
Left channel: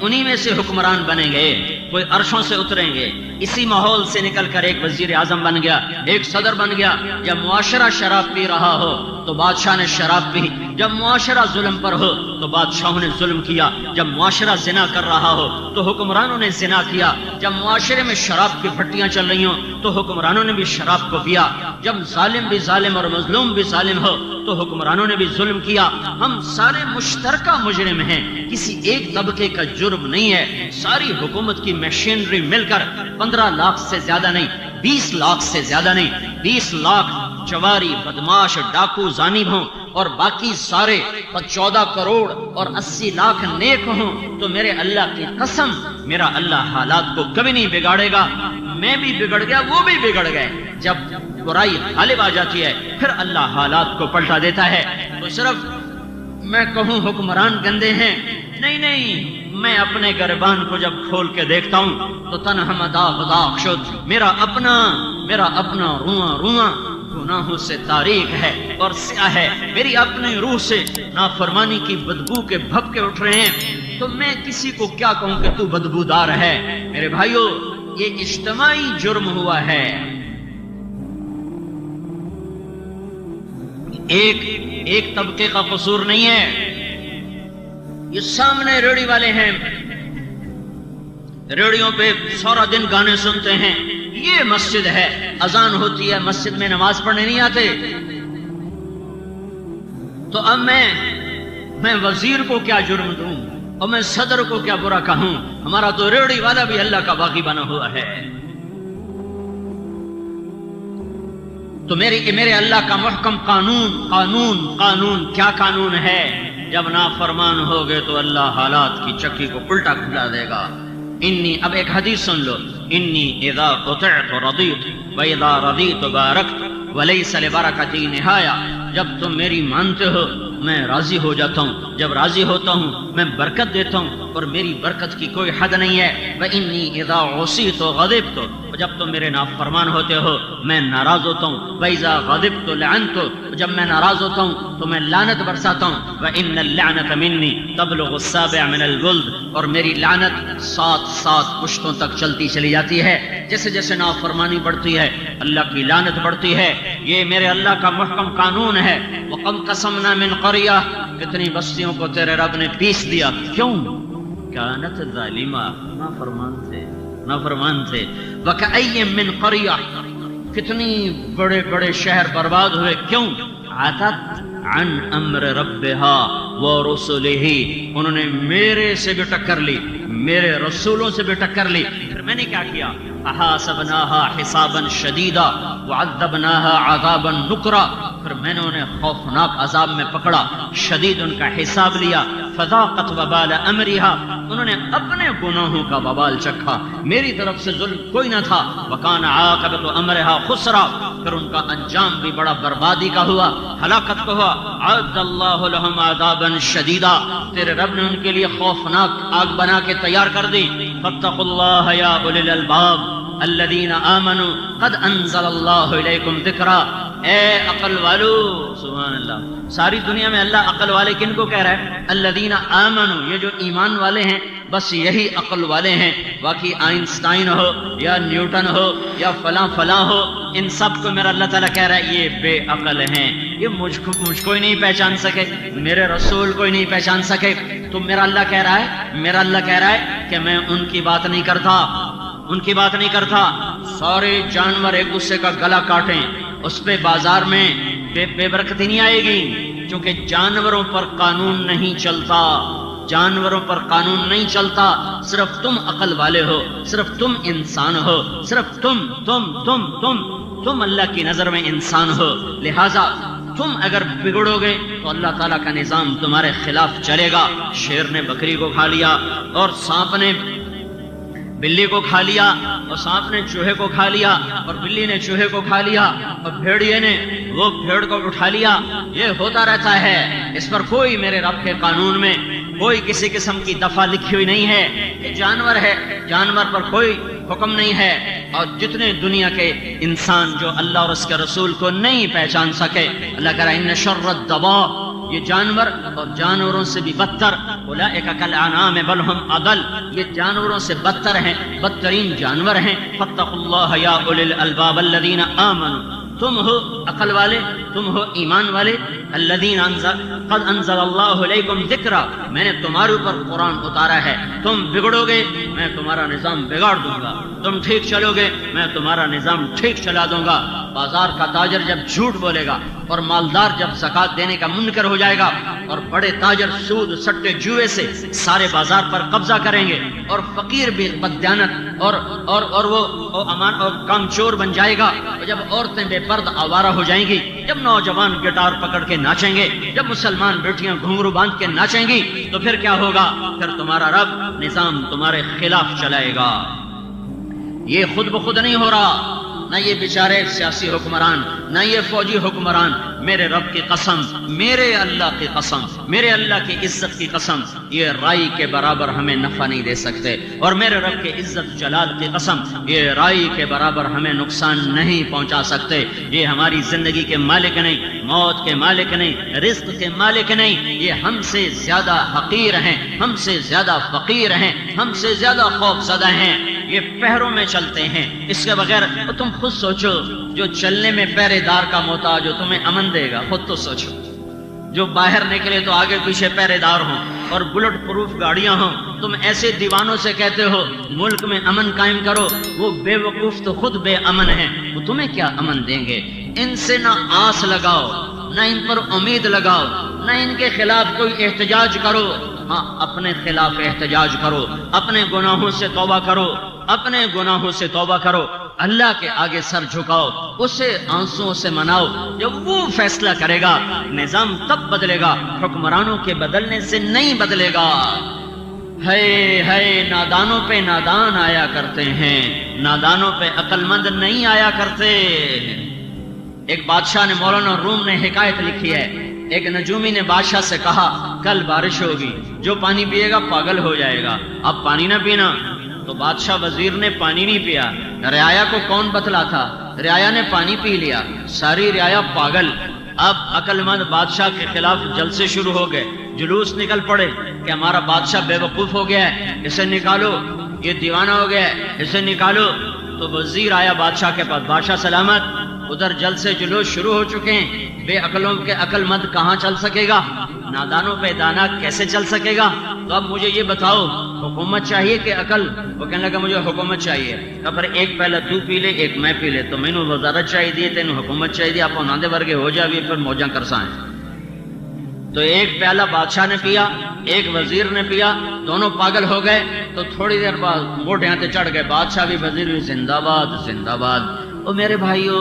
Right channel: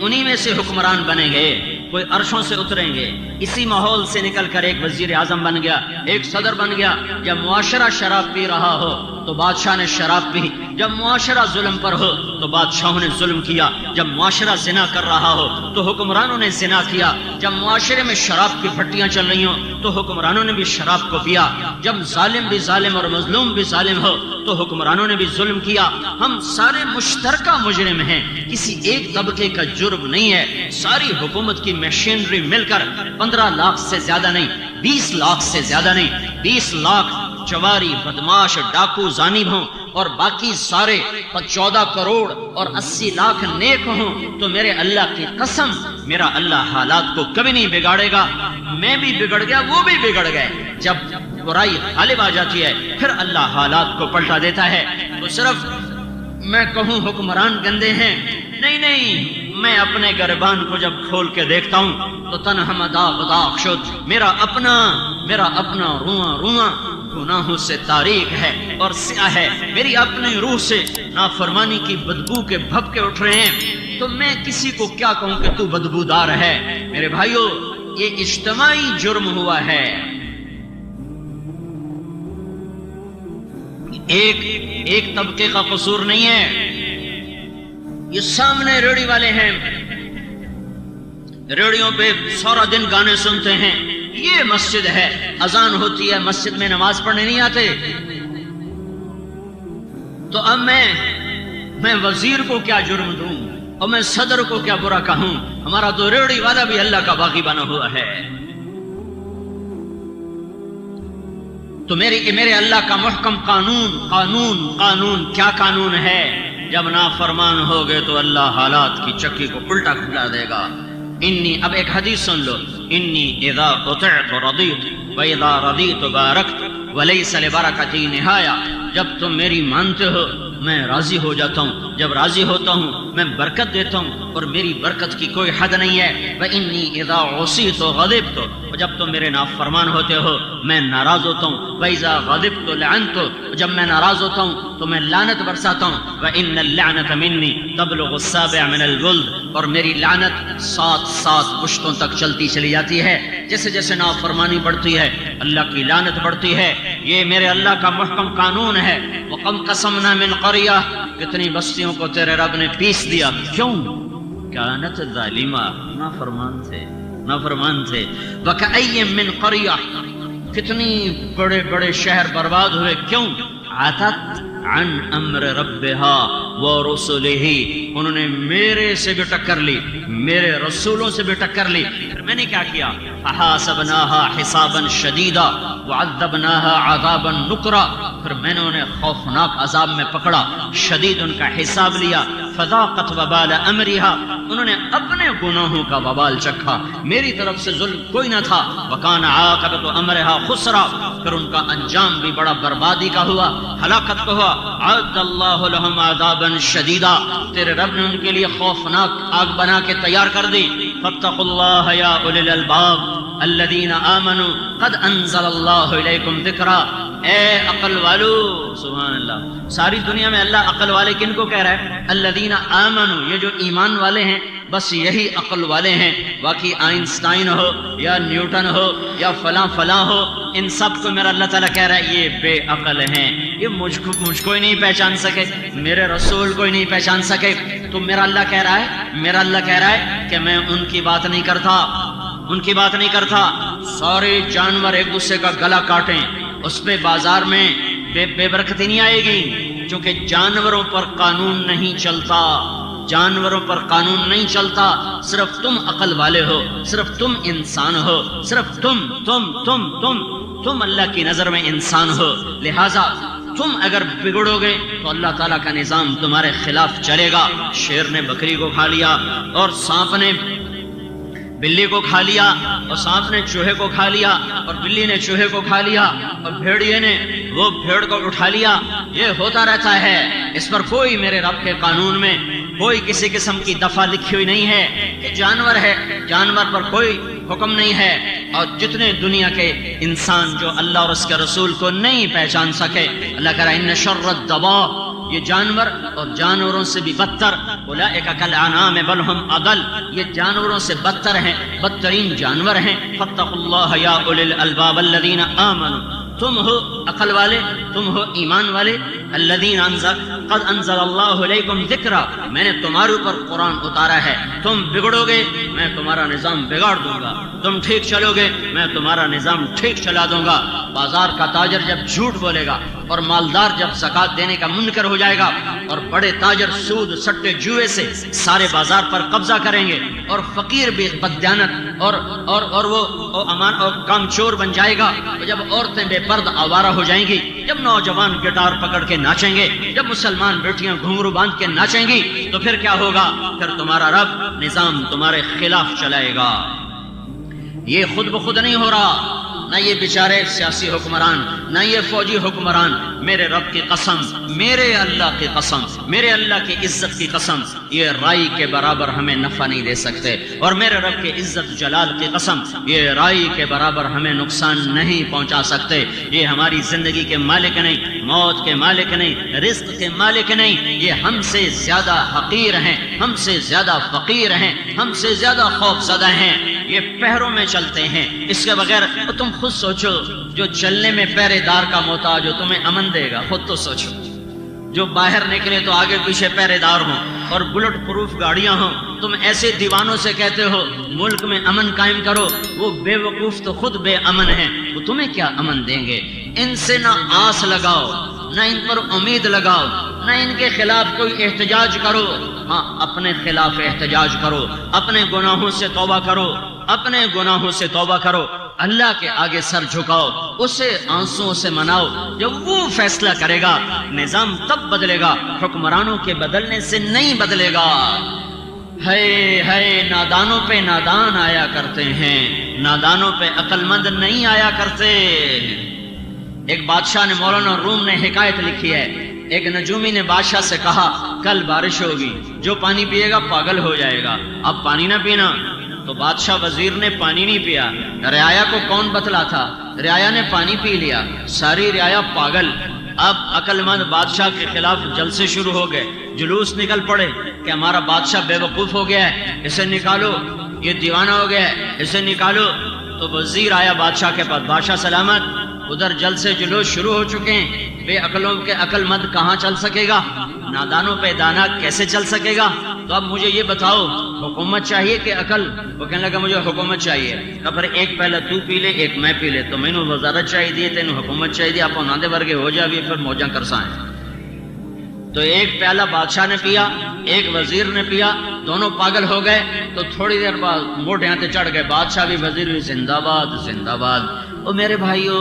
انہی میں سے حکمران بنیں گے، کوئی عرشوں سے اتریں گے. اسی ماحول سے نکل کر ایک وزیر اعظم بن گیا، ایک صدر بن گیا. یا معاشرہ شراب پی رہا ہو تو بادشاہ نے شراب پی، جب معاشرہ ظلم پر ہو تو بادشاہوں نے ظلم کیا، جب معاشرہ زنا کر رہا ہو تو حکمرانوں نے زنا کیا، جب معاشرے میں شراب کی بھٹیاں چل رہی ہوں تو حکمرانوں نے بھی شراب کو پیا، جب ظالم بھی ظالم اور مظلوم بھی ظالم ہو تو حکمرانوں نے بھی ظلم کیا۔ ہم سارے مشترکہ مجرم ہیں، کسی ایک طبقے کا جرم نہیں ہے۔ ساری حکومت کی مشینری مل کر 15 لاکھ سے زیادہ نہیں، 20 لاکھ سے زیادہ نہیں، 20 لاکھ چواری بدماش ڈاکو زانب ہوں اور باقی سارے 14 کروڑ اور 80 لاکھ نیک ہوں تو میرے اللہ کی قسم میرا اللہ حالات کو کبھی نہیں بگاڑے گا۔ میں بھی بگڑ گیا، وہ بھی بگڑ گئے۔ جب برائی غالب آ جاتی ہے پھر اللہ حالات کو پلٹا دیتا ہے۔ تو صرف میں کہوں حکمران گندے ہیں، نہیں، میں اپنے گربان کو جب کھول کے دیکھتا ہوں تو تنہا داغ داغ شد، میرا اپنا رواں گناہوں سے تاریک ہے اور سیاہ ہے، میری اپنی روح سے نافرمانی کی بدبو کے بھپکے اٹھ رہے ہیں، تو میں کسی کو کیا کہوں کہ تو بدبودار ہے۔ میرے بھائیو، یہ اجتماعی جرم ہوا ہے، ایک طبقے کا قصور نہیں ہے۔ یہ سامنے ریڑھی والے ہیں، ریڑھیوں پہ سارا دن گانے سنتے ہیں، یہ مسجد ہے، اذان ہوتی ہے، مسجد میں نماز پڑھنے نہیں آتے۔ تو اب میں وزیر کو کیا جرم دوں اور میں صدر کو کیا برا کہوں؟ ہمارا تو ریڑھی والا بھی اللہ کا باغی بنا ہوا ہے۔ تو میرے اللہ کا محکم قانون کیا قانون ہے؟ جب نافرمان ہو گئے تو اللہ حالات کی چکی کو الٹا کھلا دے گا۔ اب ایک حدیث سن لو، انی اذا قطعت رضیت واذا رضیت بارکت ولیس لبرکتی نہایا۔ جب تم میری مانتے ہو میں راضی ہو جاتا ہوں، جب راضی ہوتا ہوں میں برکت دیتا ہوں اور میری برکت کی کوئی حد نہیں ہے۔ وانی اذا عصیت غضبت، جب تم میرے نافرمان ہوتے ہو میں ناراض ہوتا ہوں۔ وَإِذَا غَضِبْتُ لَعَنْتُ، جب میں ناراض ہوتا ہوں تو میں لعنت برساتا ہوں۔ وَإِنَّ اللَّعْنَةَ مِنِّي تَبْلُغُ السَّابِعَ مِنَ الْجُلْدِ، اور میری لعنت 7 پشتوں تک چلتی چلی جاتی ہے۔ جیسے جیسے نافرمانی بڑھتی ہے اللہ کی لعنت بڑھتی ہے۔ یہ میرے اللہ کا محکم قانون ہے۔ وَقَمْ قَسَمْنَا مِنْ قَرْيَةٍ، کتنی بستیوں کو تیرے رب نے پیس دیا، کیوں؟ کانت ظالمہ، نافرمان تھے۔ وَكَأَيٍّ مِّن قَرْيَةٍ، کتنی بڑے شہر برباد ہوئے، کیوں؟ عَتَتْ عَنْ أَمْرِ رَبِّهَا وَرُسُلِهِ، انہوں نے میرے سے بھی ٹکر لی، میرے رسولوں سے بھی ٹکر لی۔ پھر میں نے کیا کیا؟ فَحَاسَبْنَاهَا حِسَابًا شَدِيدًا وَعَذَّبْنَاهَا عَذَابًا نُكْرًا، پھر میں نے انہیں خوفناک عذاب میں پکڑا، شدید ان کا حساب لیا۔ فَذَاقَتْ وَبَالَ أَمْرِهَا، انہوں نے اپنے گناہوں کا وبال چکھا، میری طرف سے ظلم کوئی نہ تھا۔ وَكَانَ عَاقِبَةُ أَمْرِهَا خُسْرًا، پھر ان کا انجام بھی بڑا بربادی کا ہوا، ہلاکت کا ہوا۔ أَعَدَّ اللَّهُ لَهُمْ عَذَابًا شَدِيدًا، تیرے رب نے ان کے لیے خوفناک آگ بنا کے تیار کر دی۔ فَاتَّقُوا اللَّهَ يَا أُولِي الْأَلْبَابِ الَّذِينَ آمَنُوا قَدْ أَنزَلَ اللَّهُ إِلَيْكُمْ ذِكْرًا، اے عقل والو، سبحان اللہ۔ ساری دنیا میں اللہ عقل والے کن کو کہہ رہا ہے؟ الذین آمنوا، یہ جو ایمان والے ہیں بس یہی عقل والے ہیں۔ باقی آئنسٹائن ہو یا نیوٹن ہو یا فلاں ہو، ان سب کو میرا اللہ تعالیٰ کہہ رہا ہے یہ بے عقل ہیں، یہ مجھ کو ہی نہیں پہچان سکے، میرے رسول کو ہی نہیں پہچان سکے۔ تو میرا اللہ کہہ رہا ہے کہ میں ان کی بات نہیں کرتا، سارے جانور ایک دوسرے کا گلا کاٹیں، اس پہ بازار میں بے برکتی نہیں آئے گی، چونکہ جانوروں پر قانون نہیں چلتا، صرف تم عقل والے ہو، صرف تم انسان ہو، صرف تم اللہ کی نظر میں انسان ہو، لہذا تم اگر بگڑو گے تو اللہ تعالیٰ کا نظام تمہارے خلاف چلے گا۔ شیر نے بکری کو کھا لیا اور سانپ نے بلی کو کھا لیا اور سانپ نے چوہے کو کھا لیا اور بلی نے چوہے کو کھا لیا اور بھیڑیے نے وہ بھیڑ کو اٹھا لیا۔ یہ ہوتا رہتا ہے، اس پر کوئی میرے رب کے قانون میں کوئی کسی قسم کی دفعہ لکھی ہوئی نہیں ہے کہ جانور ہے، جانور پر کوئی حکم نہیں ہے۔ اور جتنے دنیا کے انسان جو اللہ اور اس کے رسول کو نہیں پہچان سکے، اللہ کہہ رہا ہے ان شر الدواب، یہ جانور اور جانوروں سے بھی بدتر، اولئک کالانعام بل هم اضل، یہ جانوروں سے بدتر ہیں، بدترین جانور ہیں۔ فاتقوا اللہ یا اولی الالباب الذین آمنوا، تم ہو عقل والے، تم ہو ایمان والے. الذین قد انزل اللہ علیکم ذکرا، میں نے تمہارے اوپر قرآن اتارا ہے. تم بگڑو گے میں تمہارا نظام بگاڑ دوں گا، تم ٹھیک چلو گے میں تمہارا نظام ٹھیک چلا دوں گا. بازار کا تاجر جب جھوٹ بولے گا اور مالدار جب زکوٰۃ دینے کا منکر ہو جائے گا اور بڑے تاجر سود سٹے جوئے سے سارے بازار پر قبضہ کریں گے اور فقیر بھی بددیانت اور وہ امان اور کام چور بن جائے گا، جب عورتیں بے پرد آوارہ ہو جائیں گی، جب نوجوان گٹار پکڑ کے ناچیں گے، جب مسلمان بیٹیاں گھنگرو باندھ کے ناچیں گی، تو پھر کیا ہوگا؟ پھر تمہارا رب نظام تمہارے خلاف چلائے گا. یہ خود بخود نہیں ہو رہا، نہ یہ بیچارے سیاسی حکمران، نہ یہ فوجی حکمران. میرے رب کی قسم، میرے اللہ کی قسم، میرے اللہ کی عزت کی قسم، یہ رائی کے برابر ہمیں نفع نہیں دے سکتے. اور میرے رب کے عزت جلال کی قسم، یہ رائی کے برابر ہمیں نقصان نہیں پہنچا سکتے. یہ ہماری زندگی کے مالک نہیں، موت کے مالک نہیں، رزق کے مالک نہیں. یہ ہم سے زیادہ حقیر ہیں، ہم سے زیادہ فقیر ہیں، ہم سے زیادہ خوف زدہ ہیں. یہ پہروں میں چلتے ہیں، اس کے بغیر تم خود سوچو، جو چلنے میں پہرے دار کا محتاج ہو تمہیں امن دے گا؟ خود تو سوچو. جو باہر نکلے تو آگے پیچھے پہرے دار ہوں اور بلٹ پروف گاڑیاں ہوں، تم ایسے دیوانوں سے کہتے ہو ملک میں امن قائم کرو. وہ بے وقوف تو خود بے امن ہیں، وہ تمہیں کیا امن دیں گے؟ ان سے نہ آس لگاؤ، نہ ان پر امید لگاؤ، نہ ان کے خلاف کوئی احتجاج کرو. ہاں، اپنے خلاف احتجاج کرو، اپنے گناہوں سے توبہ کرو، اپنے گناہوں سے توبہ کرو. اللہ کے آگے سر جھکاؤ، اسے آنسوؤں سے مناؤ. جب وہ فیصلہ کرے گا نظام تب بدلے گا، حکمرانوں کے بدلنے سے نہیں بدلے گا. ہے نادانوں پہ نادان آیا کرتے ہیں، نادانوں پہ عقل مند نہیں آیا کرتے. ایک بادشاہ نے، مولانا روم نے حکایت لکھی ہے، ایک نجومی نے بادشاہ سے کہا کل بارش ہوگی، جو پانی پیے گا پاگل ہو جائے گا، اب پانی نہ پینا. تو بادشاہ وزیر نے پانی نہیں پیا. رعایا کو کون بتلا تھا؟ رعایا نے پانی پی لیا، ساری رعایا پاگل. اب عقل مند بادشاہ کے خلاف جلسے شروع ہو گئے، جلوس نکل پڑے کہ ہمارا بادشاہ بے وقوف ہو گیا ہے، اسے نکالو، یہ دیوانہ ہو گیا ہے، اسے نکالو. تو وزیر آیا بادشاہ کے پاس، بادشاہ سلامت، ادھر جلسے جلوس شروع ہو چکے ہیں، بے عقلوں کے عقل مند کہاں چل سکے گا، نادانوں پہ دانا کیسے چل سکے گا؟ تو اب مجھے یہ بتاؤ، حکومت چاہیے کہ عقل؟ وہ کہنے لگا مجھے حکومت چاہیے. پھر ایک پہلا تو پی لے، ایک میں پی لے. تو میں نے وزارت چاہیے، تینوں حکومت چاہیے، آپ ناندے ورگے ہو جائے، پھر موجاں کرسائیں. تو ایک پیالہ بادشاہ نے پیا، ایک وزیر نے پیا، دونوں پاگل ہو گئے. تو تھوڑی دیر بعد موٹے ہاتھ چڑھ گئے، بادشاہ بھی وزیر بھی زندہ باد زندہ باد. او میرے بھائیو،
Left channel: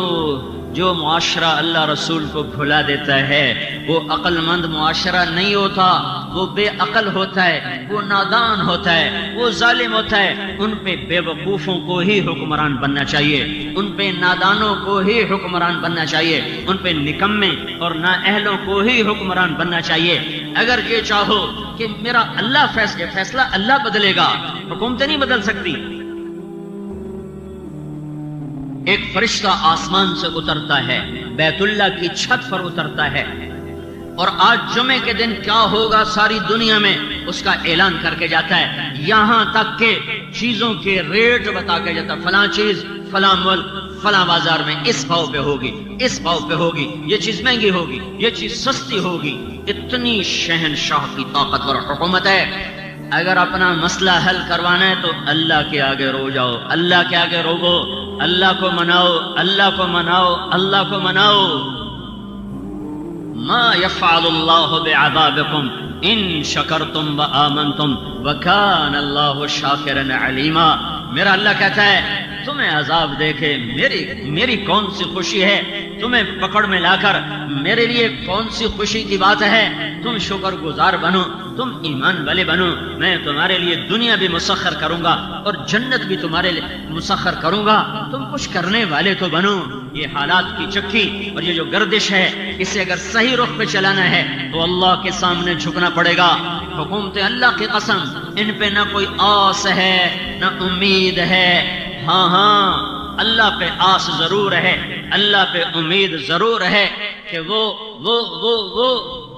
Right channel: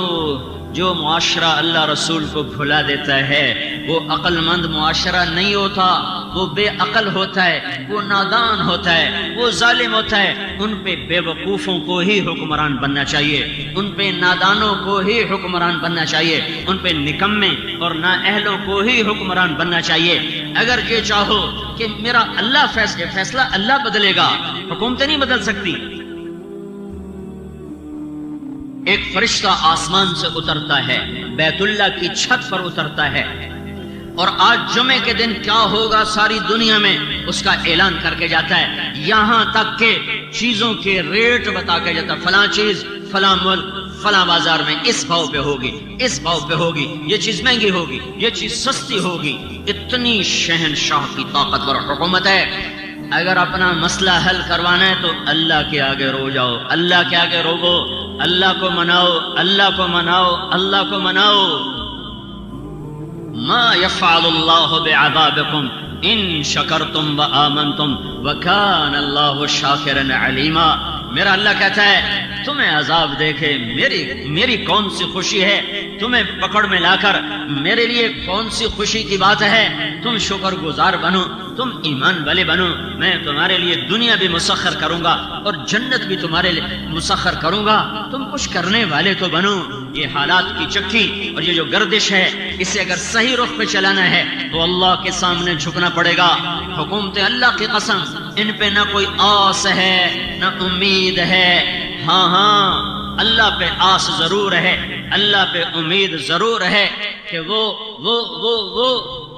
جو معاشرہ اللہ رسول کو بھلا دیتا ہے وہ عقل مند معاشرہ نہیں ہوتا، وہ بے عقل ہوتا ہے، وہ نادان ہوتا ہے، وہ ظالم ہوتا ہے. ان پہ بے وقوفوں کو ہی حکمران بننا چاہیے، ان پہ نادانوں کو ہی حکمران بننا چاہیے، ان پہ نکمے اور نااہلوں کو ہی حکمران بننا چاہیے. اگر یہ چاہو کہ میرا اللہ فیصلہ اللہ بدلے گا، حکومتیں نہیں بدل سکتی. ایک فرشتہ آسمان سے اترتا ہے، بیت اللہ کی چھت پر اترتا ہے، اور آج جمعے کے دن کیا ہوگا ساری دنیا میں اس کا اعلان کر کے جاتا ہے. یہاں تک کہ چیزوں کے ریٹ بتا کے جاتا ہے، فلاں چیز فلاں ملک فلاں بازار میں اس بھاؤ پہ ہوگی، اس بھاؤ پہ ہوگی، یہ چیز مہنگی ہوگی، یہ چیز سستی ہوگی. اتنی شہنشاہ کی طاقتور حکومت ہے. اگر اپنا مسئلہ حل کروانا ہے تو اللہ کے آگے رو جاؤ، اللہ کے آگے روگو، اللہ کو مناؤ، اللہ کو مناؤ، اللہ کو مناؤ. ما يفعل الله بعذابكم ان شکرتم وآمنتم وکان اللہ شاکرا علیما. میرا اللہ کہتا ہے تمہیں عذاب دیکھے میری کون سی خوشی ہے، تمہیں پکڑ میں لا کر میرے لیے کون سی خوشی کی بات ہے. تم شکر گزار بنو، تم ایمان والے بنو، میں تمہارے لیے دنیا بھی مسخر کروں گا اور جنت بھی تمہارے لیے مسخر کروں گا. تم کچھ کرنے والے تو بنو. یہ حالات کی چکی اور یہ جو گردش ہے، اسے اگر صحیح رخ پہ چلانا ہے تو اللہ کے سامنے جھکنا پڑے گا. حکومتیں اللہ کی قسم ان پہ نہ کوئی آس ہے نہ امید ہے. ہاں اللہ پہ آس ضرور ہے، اللہ پہ امید ضرور ہے کہ وہ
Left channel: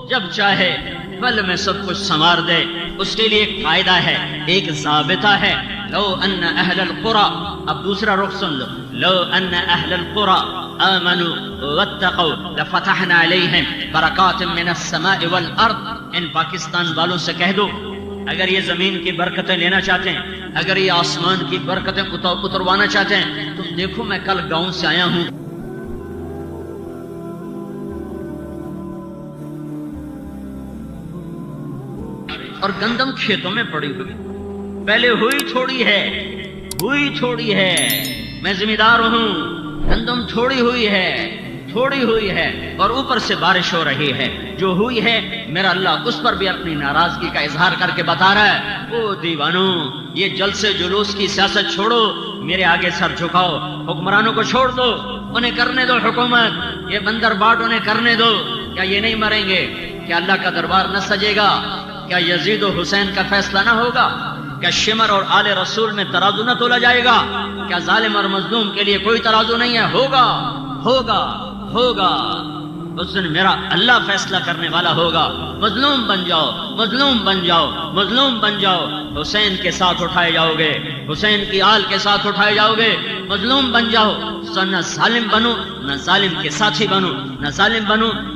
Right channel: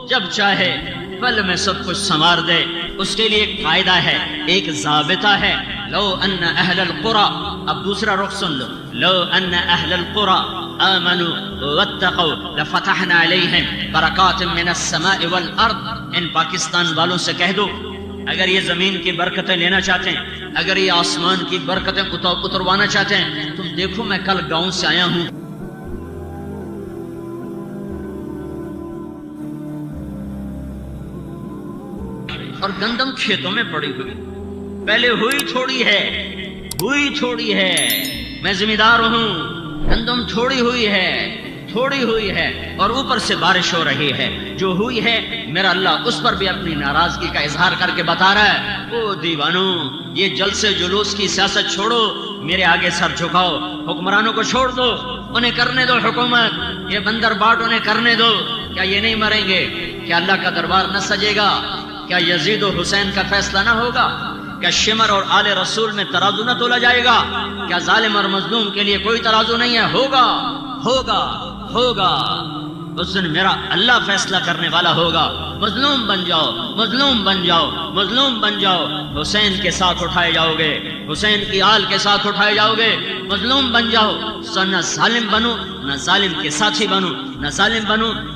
جب چاہے پل میں سب کچھ سنوار دے. اس کے لیے ایک قاعدہ ہے، ایک ضابطہ ہے. لو ان اہل القرى، اب دوسرا رخ سن لو، لو ان اہل القرى آمنوا واتقوا لفتحنا علیہم برکات من السماء والارض. ان پاکستان والوں سے کہہ دو اگر یہ زمین کی برکتیں لینا چاہتے ہیں، اگر یہ آسمان کی برکتیں اتروانا چاہتے ہیں، تم دیکھو میں کل گاؤں سے آیا ہوں، اور گندم کھیتوں میں پڑی ہوئی، پہلے ہوئی تھوڑی ہے، میں ذمہ دار ہوں، گندم تھوڑی ہوئی ہے اور اوپر سے بارش ہو رہی ہے، جو ہوئی ہے میرا اللہ اس پر بھی اپنی ناراضگی کا اظہار کر کے بتا رہا ہے، او دیوانو یہ جلسے جلوس کی سیاست چھوڑو، میرے آگے سر جھکاؤ، حکمرانوں کو چھوڑ دو، انہیں کرنے دو حکومت، یہ بندر باٹ انہیں کرنے دو. کیا یہ نہیں مریں گے؟ کیا اللہ کا دربار نہ سجے گا؟ کیا یزید و حسین کا فیصلہ نہ ہوگا؟ کیا شمر اور آل رسول میں ترازو نہ تولا جائے گا؟ کیا ظالم اور مظلوم کے لیے کوئی ترازو نہیں ہے؟ ہوگا. اس دن میرا اللہ فیصلہ کرنے والا ہوگا. مظلوم بن جاؤ، حسین کے ساتھ اٹھائے جاؤ گے، حسین کی آل کے ساتھ اٹھائے جاؤ گے. مظلوم بن جاؤ، نہ ظالم بنو، نہ ظالم کے ساتھی بنو،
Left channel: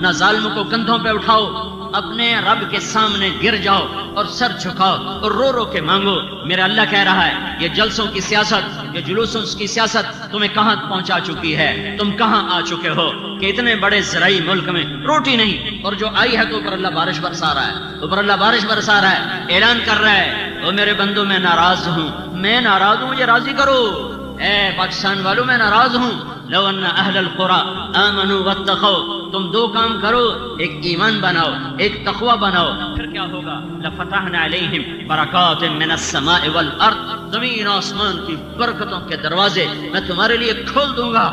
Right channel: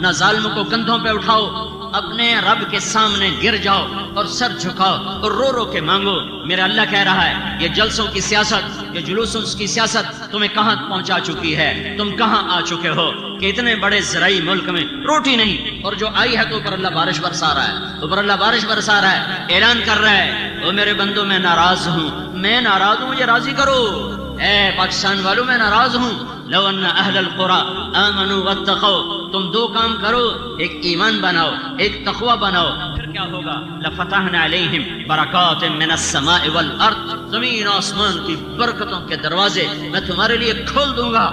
نہ ظالم کو کندھوں پہ اٹھاؤ، اپنے رب کے سامنے گر جاؤ اور سر جھکاؤ اور رو رو کے مانگو. میرا اللہ کہہ رہا ہے یہ جلسوں کی سیاست، یہ جلوسوں کی سیاست تمہیں کہاں پہنچا چکی ہے؟ تم کہاں آ چکے ہو کہ اتنے بڑے زرعی ملک میں روٹی نہیں، اور جو آئی ہے تو اوپر اللہ بارش برسا رہا ہے، اعلان کر رہا ہے او میرے بندو میں ناراض ہوں، مجھے راضی کرو. اے پاکستان والوں میں ناراض ہوں. لو ان اہل القرى آمنوا واتقوا، تم دو کام کرو، ایک ایمان بناؤ، ایک تقوی بناؤ، پھر کیا ہوگا؟ لفتحنا علیہم برکات من السماء والارض، زمین آسمان کی برکتوں کے دروازے میں تمہارے لیے کھول دوں گا.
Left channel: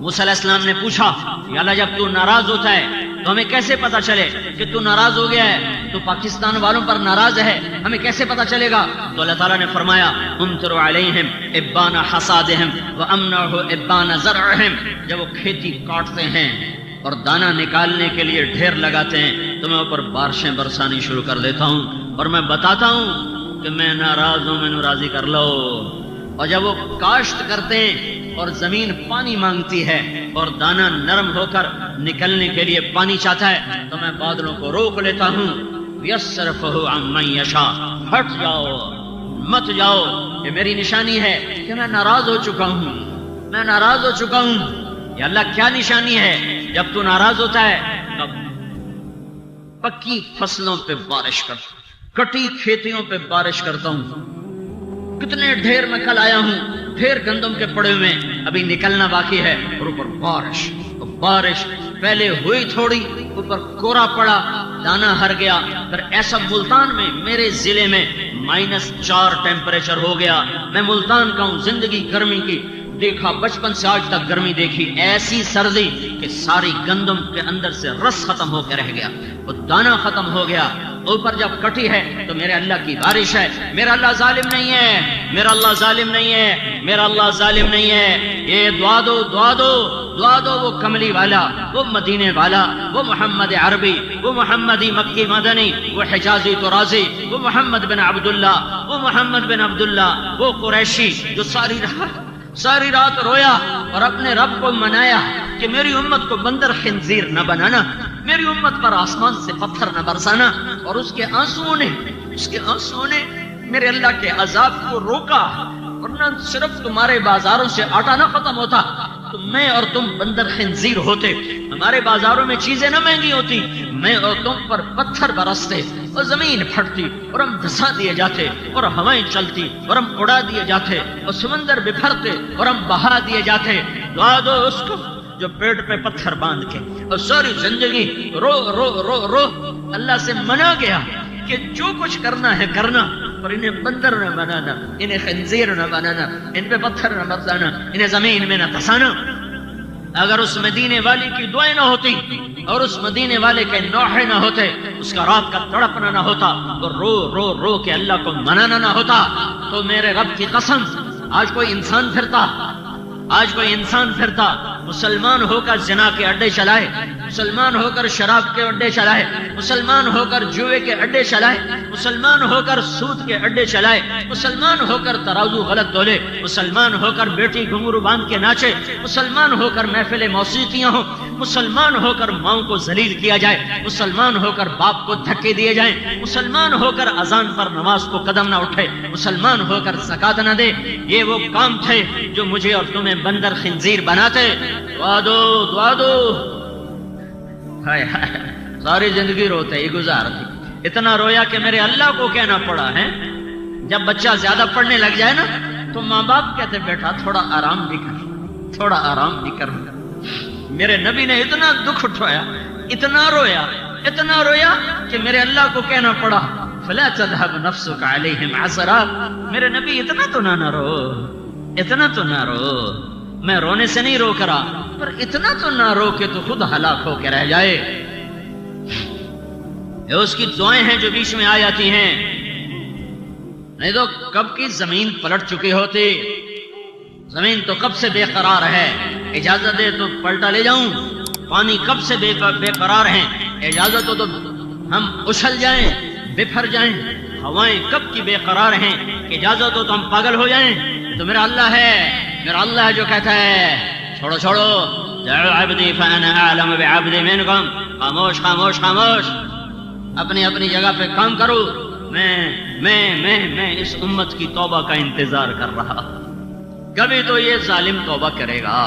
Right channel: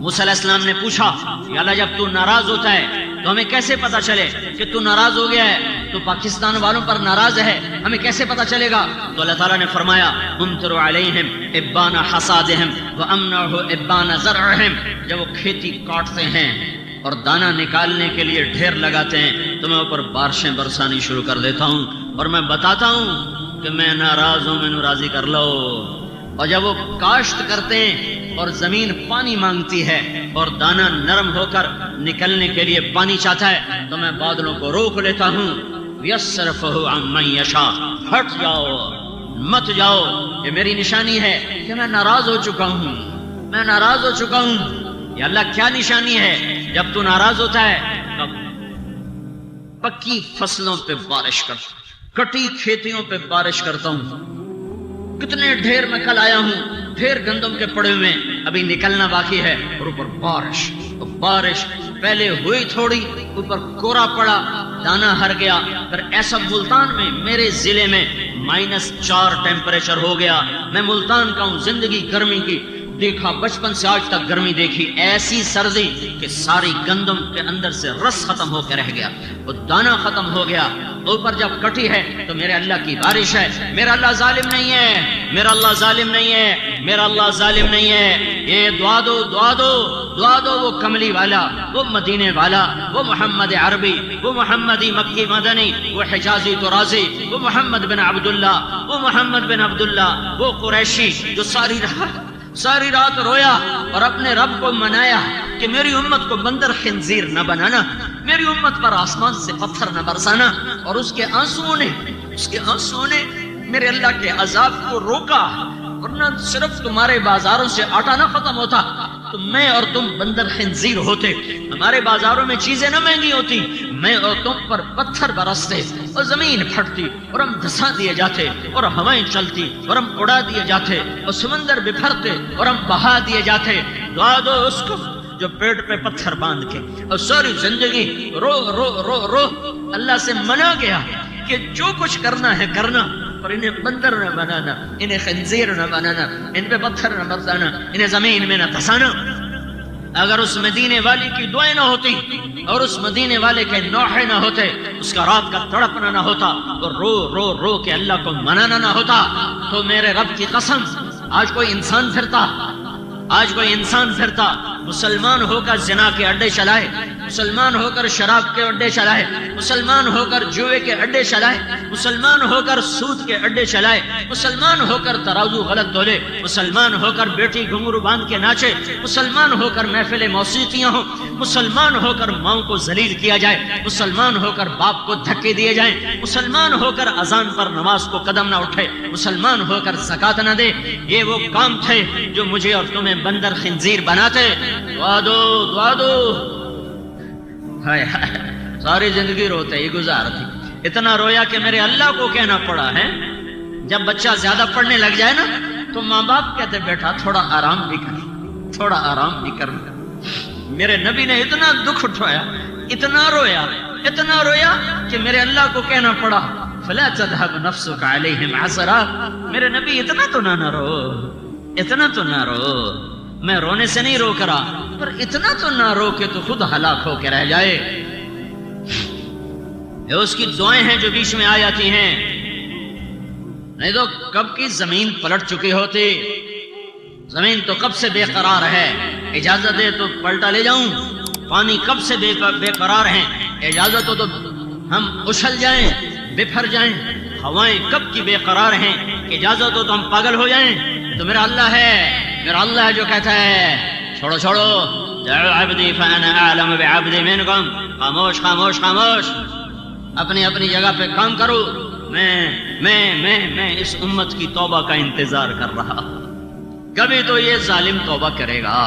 موسیٰ علیہ السلام نے پوچھا یا اللہ جب تو ناراض ہوتا ہے تو ہمیں کیسے پتا چلے کہ تو ناراض ہو گیا ہے، تو پاکستان والوں پر ناراض ہے، ہمیں کیسے پتا چلے گا؟ تو اللہ تعالیٰ نے فرمایا امطر علیہم ابان حصادہم وامنعہ ابان زرعہم، جب وہ کھیتی کاٹتے ہیں اور دانہ نکالنے کے لیے ڈھیر لگاتے ہیں تو میں اوپر بارشیں برسانی شروع کر دیتا ہوں اور میں بتاتا ہوں کہ میں ناراض ہوں، میں راضی کر لو. اور جب وہ کاشت کرتے ہیں اور زمین پانی مانگتی ہے اور دانہ نرم ہو کر نکلنے کے لیے پانی چاہتا ہے تو میں بادلوں کو روک لیتا ہوں. یصرفہ عن من یشاء، ہٹ جاؤ، مت جاؤ. یہ میری نشانی ہے کہ میں ناراض ہو چکا ہوں. یہ اللہ کیا نشانی ہے؟ جب تو ناراض ہوتا ہے تب پکی فصلوں پہ بارش کرتا ہوں، کٹی کھیتیوں پہ بارش کرتا ہوں. کتنے ڈھیر میں کل آیا ہوں، ڈھیر گندم کے پڑے ہوئے ابھی نکلنا باقی ہے، اور اوپر بارش پہلے ہوئی تھوڑی، اوپر کورا پڑا، دانہ ہر گیا. پھر ایسا ملتان میں میرے ضلع میں -4 ٹیمپریچر ہو گیا. میں ملتان کا ہوں، زندگی گرمی کی دیکھا، بچپن سے آج تک گرمی دیکھی، ایسی سردی کہ ساری گندم کے اندر سے رس ختم ہو کے رہ گیا، اور دانہ ختم ہو گیا. اوپر جب کٹی ہے تو میرے اللہ کی بارش ہے. میرا اللہ ظالم نہیں ہے. یہ دعا دو وہ کملی والا، وہ مدینے والا، وہ محمد عربی، وہ محمدی مکی مدنی، وہ حجازی ترازی، وہ محمد بن عبداللہ، وہ قریشی جو ساری رات رویا اور اپنے رب کو منایا کہ میری امت کو بندر خنزیر نہ بنانا، میری امت پر آسمان سے پتھر نہ برسانا. اور اس کے آنسوؤں نے میرے اللہ کے عذاب کو روکا. ورنہ صرف تمہارے بازاروں سے آٹا نہ ختم ہوتا تو میں اور تم بندر خنزیر ہوتے. ہمارے بازاروں میں چیزیں نہ مہنگی ہوتی، میں اور تم پر پتھر برستے اور زمین پھٹتی اور ہم دھسا دیے جاتے اور ہوائیں چلتی اور ہم اڑا دیے جاتے اور سمندر بکھرتے اور ہم بہا دیے جاتے. دعا دو اس کو جو پیٹ پہ پتھر باندھ کے اور ساری زندگی رو رو رو رو اللہ سے منا گیا کہ جو کچھ کرنا ہے کرنا، پر انہیں بندر نہ بنانا، انہیں خنزیر نہ بنانا، ان پہ پتھر نہ برسانا، انہیں زمین میں نہ دھسانا. اگر اس مدینے والے کی دعائیں نہ ہوتی اور اس مدینے والے کے نوحے نہ ہوتے، اس کا رات کا تڑپنا نہ ہوتا اور رو رو رو کے اللہ کو منانا نہ ہوتا، تو میرے رب کی قسم آج کوئی انسان پھرتا آج کوئی انسان پھرتا مسلمان ہو کر زنا کے اڈے چلائے، مسلمان ہو کر شراب کے اڈے چلائے، مسلمان ہو کر جوئے کے اڈے چلائے، مسلمان ہو کر سود کے اڈے چلائے، مسلمان ہو کر ترازو غلط تولے، مسلمان ہو کر بیٹی گھنگرو باندھ کے ناچے، مسلمان ہو کر محفل موسیقیاں ہوں، مسلمان ہو کر ماؤں کو ذلیل کیا جائے، مسلمان ہو کر باپ کو دھکے دیے جائیں، مسلمان ہو کر اذان پر نماز کو قدم نہ اٹھے، مسلمان ہو کر زکات نہ دے، یہ وہ کام تھے جو مجھے اور تمہیں بندر خنزیر بناتے۔ دعا دو، دعا دو۔ ہائے ہائے، ساری زندگی روتے ہی گزارتے، اتنا رویا کہ میرے اللہ کو کہنا پڑا ہے۔ جب بچہ زیادہ پڑھنے لگ جائے نا تو ماں باپ کہتے بیٹا تھوڑا آرام بھی کر، تھوڑا آرام بھی کر۔ میرے نبی نے اتنا دکھ اٹھایا، اتنا رویا کہ میرے اللہ کو کہنا پڑا فلا تذهب نفسك عليهم حسرات۔ میرے نبی اتنا تو نہ رو، اتنا تو نہ رو، میں رونے سے نہیں روک رہا، پر اتنا تو نہ رو کہ تو خود ہلاک ہو کے رہ جائے۔ یہ اس کی دعائیں ہیں جو بیچ میں آ جاتی ہیں، نہیں تو کب کی زمین پلٹ چکی ہوتی۔ زمین تو کب سے بے قرار ہے، اجازت دے تو پلٹا لے جاؤں۔ پانی کب سے بے قرار ہیں، اجازت ہو تو ہم اچھل جائیں، بپھر جائیں۔ ہوائیں کب کی بے قرار ہیں، اجازت ہو تو ہم پاگل ہو جائیں۔ تو میرا اللہ ہے، میرا اللہ ہے جو کہتا ہے چھوڑو چھوڑو، جعلوا عبدی فانا اعلم بعبدی منکم۔ خاموش خاموش خاموش، اپنی اپنی جگہ پہ کام کرو۔ میں اس امت کی توبہ کا انتظار کر رہا۔ کبھی تو یہ ظالم توبہ کرے گا،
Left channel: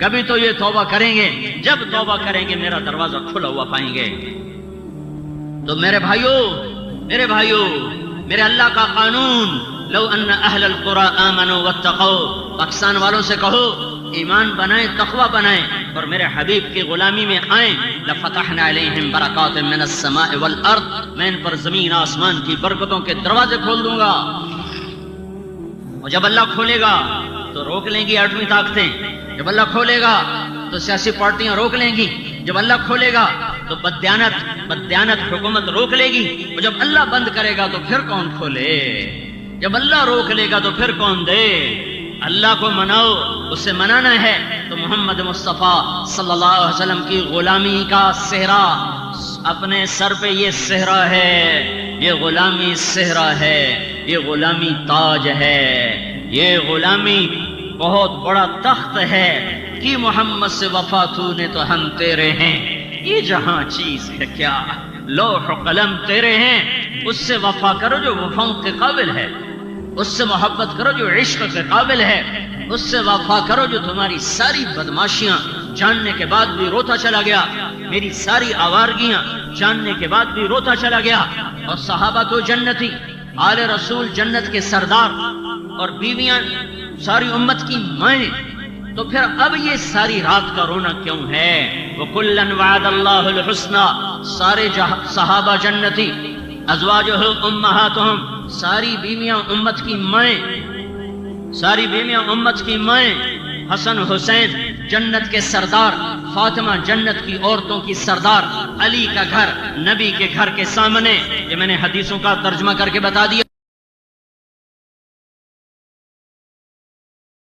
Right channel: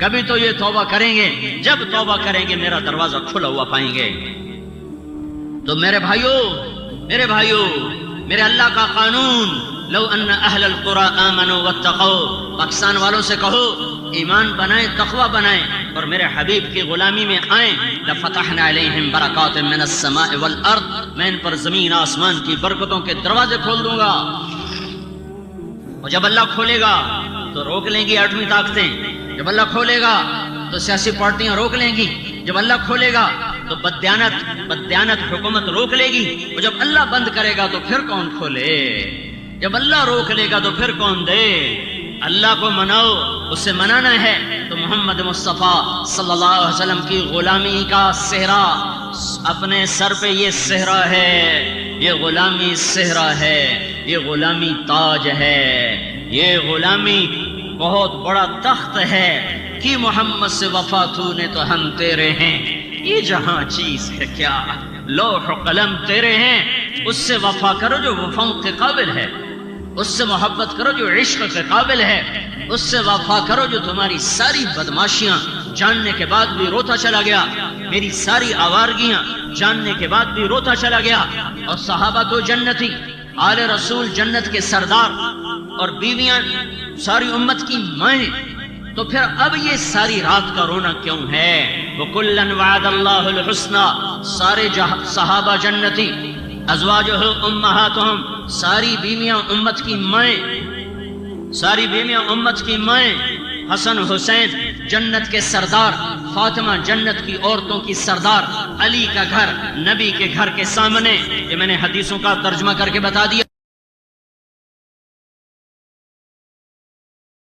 کبھی تو یہ توبہ کریں گے۔ جب توبہ کریں گے میرا دروازہ کھلا ہوا پائیں گے۔ تو میرے بھائیوں، میرے اللہ کا قانون، لو ان اہل القرى آمنوا واتقوا، پاکستان والوں سے کہو ایمان بنائیں، تقوی بنائیں اور میرے حبیب کی غلامی میں آئیں، لفتحنا علیہم برکات من السماء والارض، میں ان پر زمین آسمان کی برکتوں کے دروازے کھول دوں گا۔ اور جب اللہ کھولے گا تو روک لیں گی ایٹمی طاقتیں، جب اللہ کھولے گا تو سیاسی پارٹیاں روک لیں گی، جب اللہ کھولے گا تو بددیانت حکومت روک لے گی، اور جب اللہ بند کرے گا تو پھر کون کھولے؟ جب اللہ روک لے گا تو پھر کون دے؟ اللہ کو مناؤ، اس سے منانا ہے تو محمد مصطفیٰ صلی اللہ علیہ وسلم کی غلامی کا صحرا اپنے سر پہ، یہ صحرا ہے، یہ غلامی صحرا ہے، یہ غلامی تاج ہے، یہ غلامی بہت بڑا تخت ہے کہ محمد سے وفا تو نے تو ہم تیرے ہیں۔ یہ جہاں چیز ہے کیا، لوح و قلم تیرے ہیں، اس سے وفا کرو جو وفاؤں کے قابل ہے، اس سے محبت کرو جو عشق کے قابل ہے، اس سے وفا کرو جو تمہاری ساری بدماشیاں جاننے کے بعد بھی روتا چلا گیا، میری ساری آوارگیاں جاننے کے بعد بھی روتا چلا گیا۔ اور صحابہ تو جنتی، آل رسول جنت کے سردار، اور بیویاں ساری امت کی مائیں، تو پھر اب یہ ساری رات کا رونا کیوں ہے؟ وَكُلًّا وَعَدَ اللَّهُ الْحُسْنَى، سارے صحابہ جنتی، ازواجہ امہاتہم، ساری بیویاں امت کی مائیں، ساری بیویاں امت کی مائیں، حسن حسین جنت کے سردار، فاطمہ جنت کی عورتوں کی سردار، علی کا گھر نبی کے گھر کے سامنے، یہ میں نے حدیثوں کا ترجمہ کر کے بتا دیا۔